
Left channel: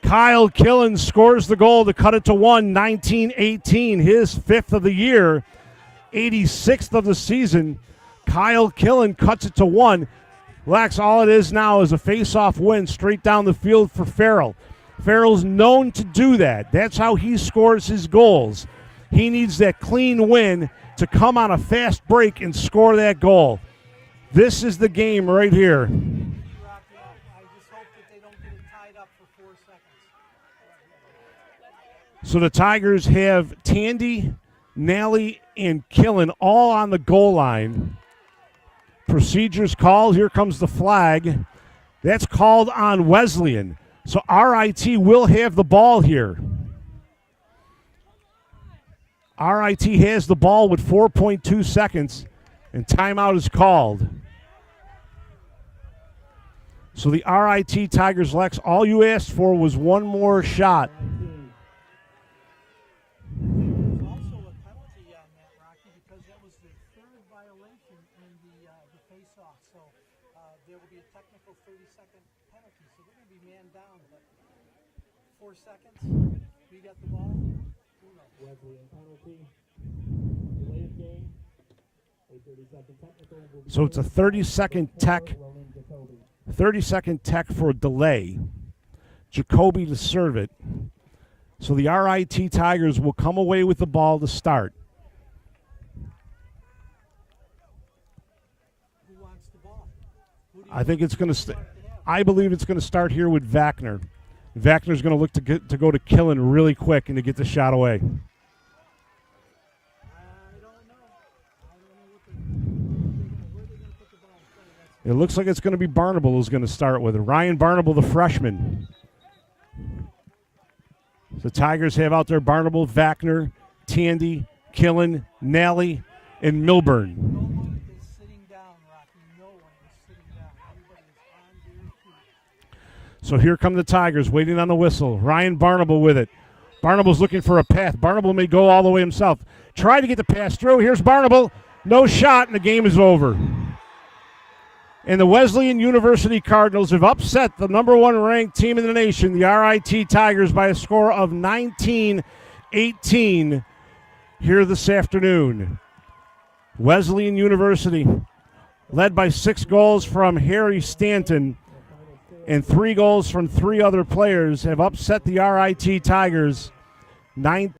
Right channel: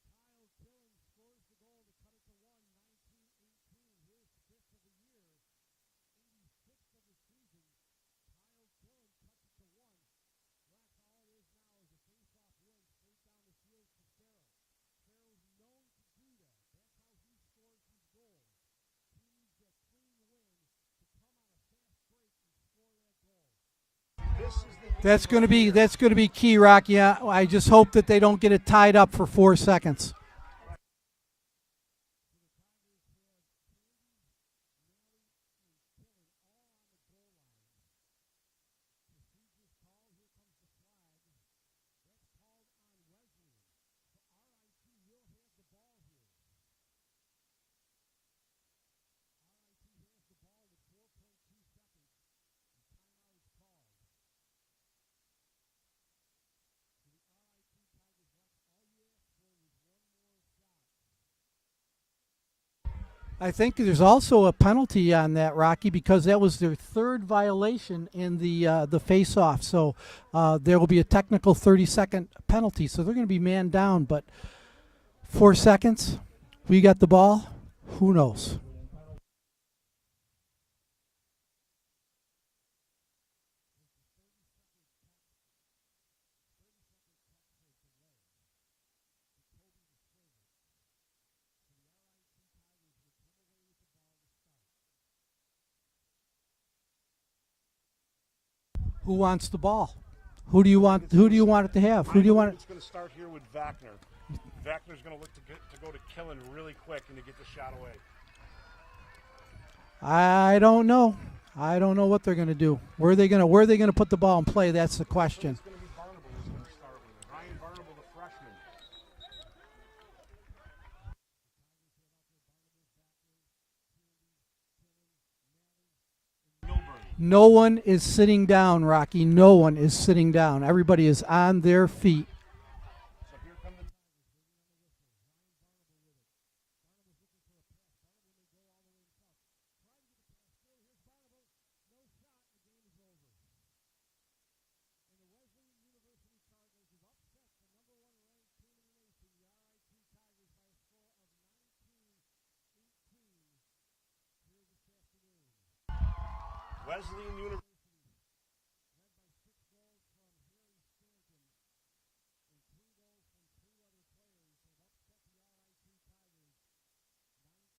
Kyle Killen scores the goal to cut it to 1. 19-18. His 5th of the year. 86th of the season. Kyle Killen cuts it to 1. Lex, all it is now is a face-off win straight down the field for Farrell. Farrell's known to do that. That's how he scores his goals. He needs that clean win to come on a fast break and score that goal. This is the game right here. That's going to be key, Rocky. I just hope that they don't get it tied up for 4 seconds. So the Tigers have Tandy, Nally, and Killen all on the goal line. Procedures called. Here comes the flag. That's called on Wesleyan. So RIT will have the ball here. RIT has the ball with 4.2 seconds, and timeout is called. So the RIT Tigers, Lex, all you asked for was one more shot. I think there's also a penalty on that, Rocky, because that was their 3rd violation in the face-off. So there will be a technical 30-second penalty. So they're going to be man down, but 4 seconds, we got the ball. Who knows? So it's a 30-second tech. 30-second tech for delay. Jacoby to serve it. So the RIT Tigers will come away with the ball to start. Who wants the ball? Who do you want? Who do you want it to have? I believe it's going to start here with Wagner. Wagner's going to look to go to Killen really quick and to get the shot away. I don't know. I don't know what they're going to do. Where are they going to put the ball and play? That's the question. It looks like it's going to be Barnable who's going to start with it. Ryan Barnable, the freshman. The Tigers have out there Barnable, Wagner, Tandy, Killen, Nally, and Milburn. No one is sitting down, Rocky. No one is sitting down. Everybody is on their feet. So here come the Tigers waiting on the whistle. Ryan Barnable with it. Barnable's looking for a path. Barnable may go all the way himself. Try to get the pass through. Here's Barnable. No shot, and the game is over. And the Wesleyan University Cardinals have upset the number 1 ranked team in the nation, the RIT Tigers, by a score of 19-18 here this afternoon. Wesleyan University, led by 6 goals from Harry Stanton and 3 goals from 3 other players, have upset the RIT Tigers 19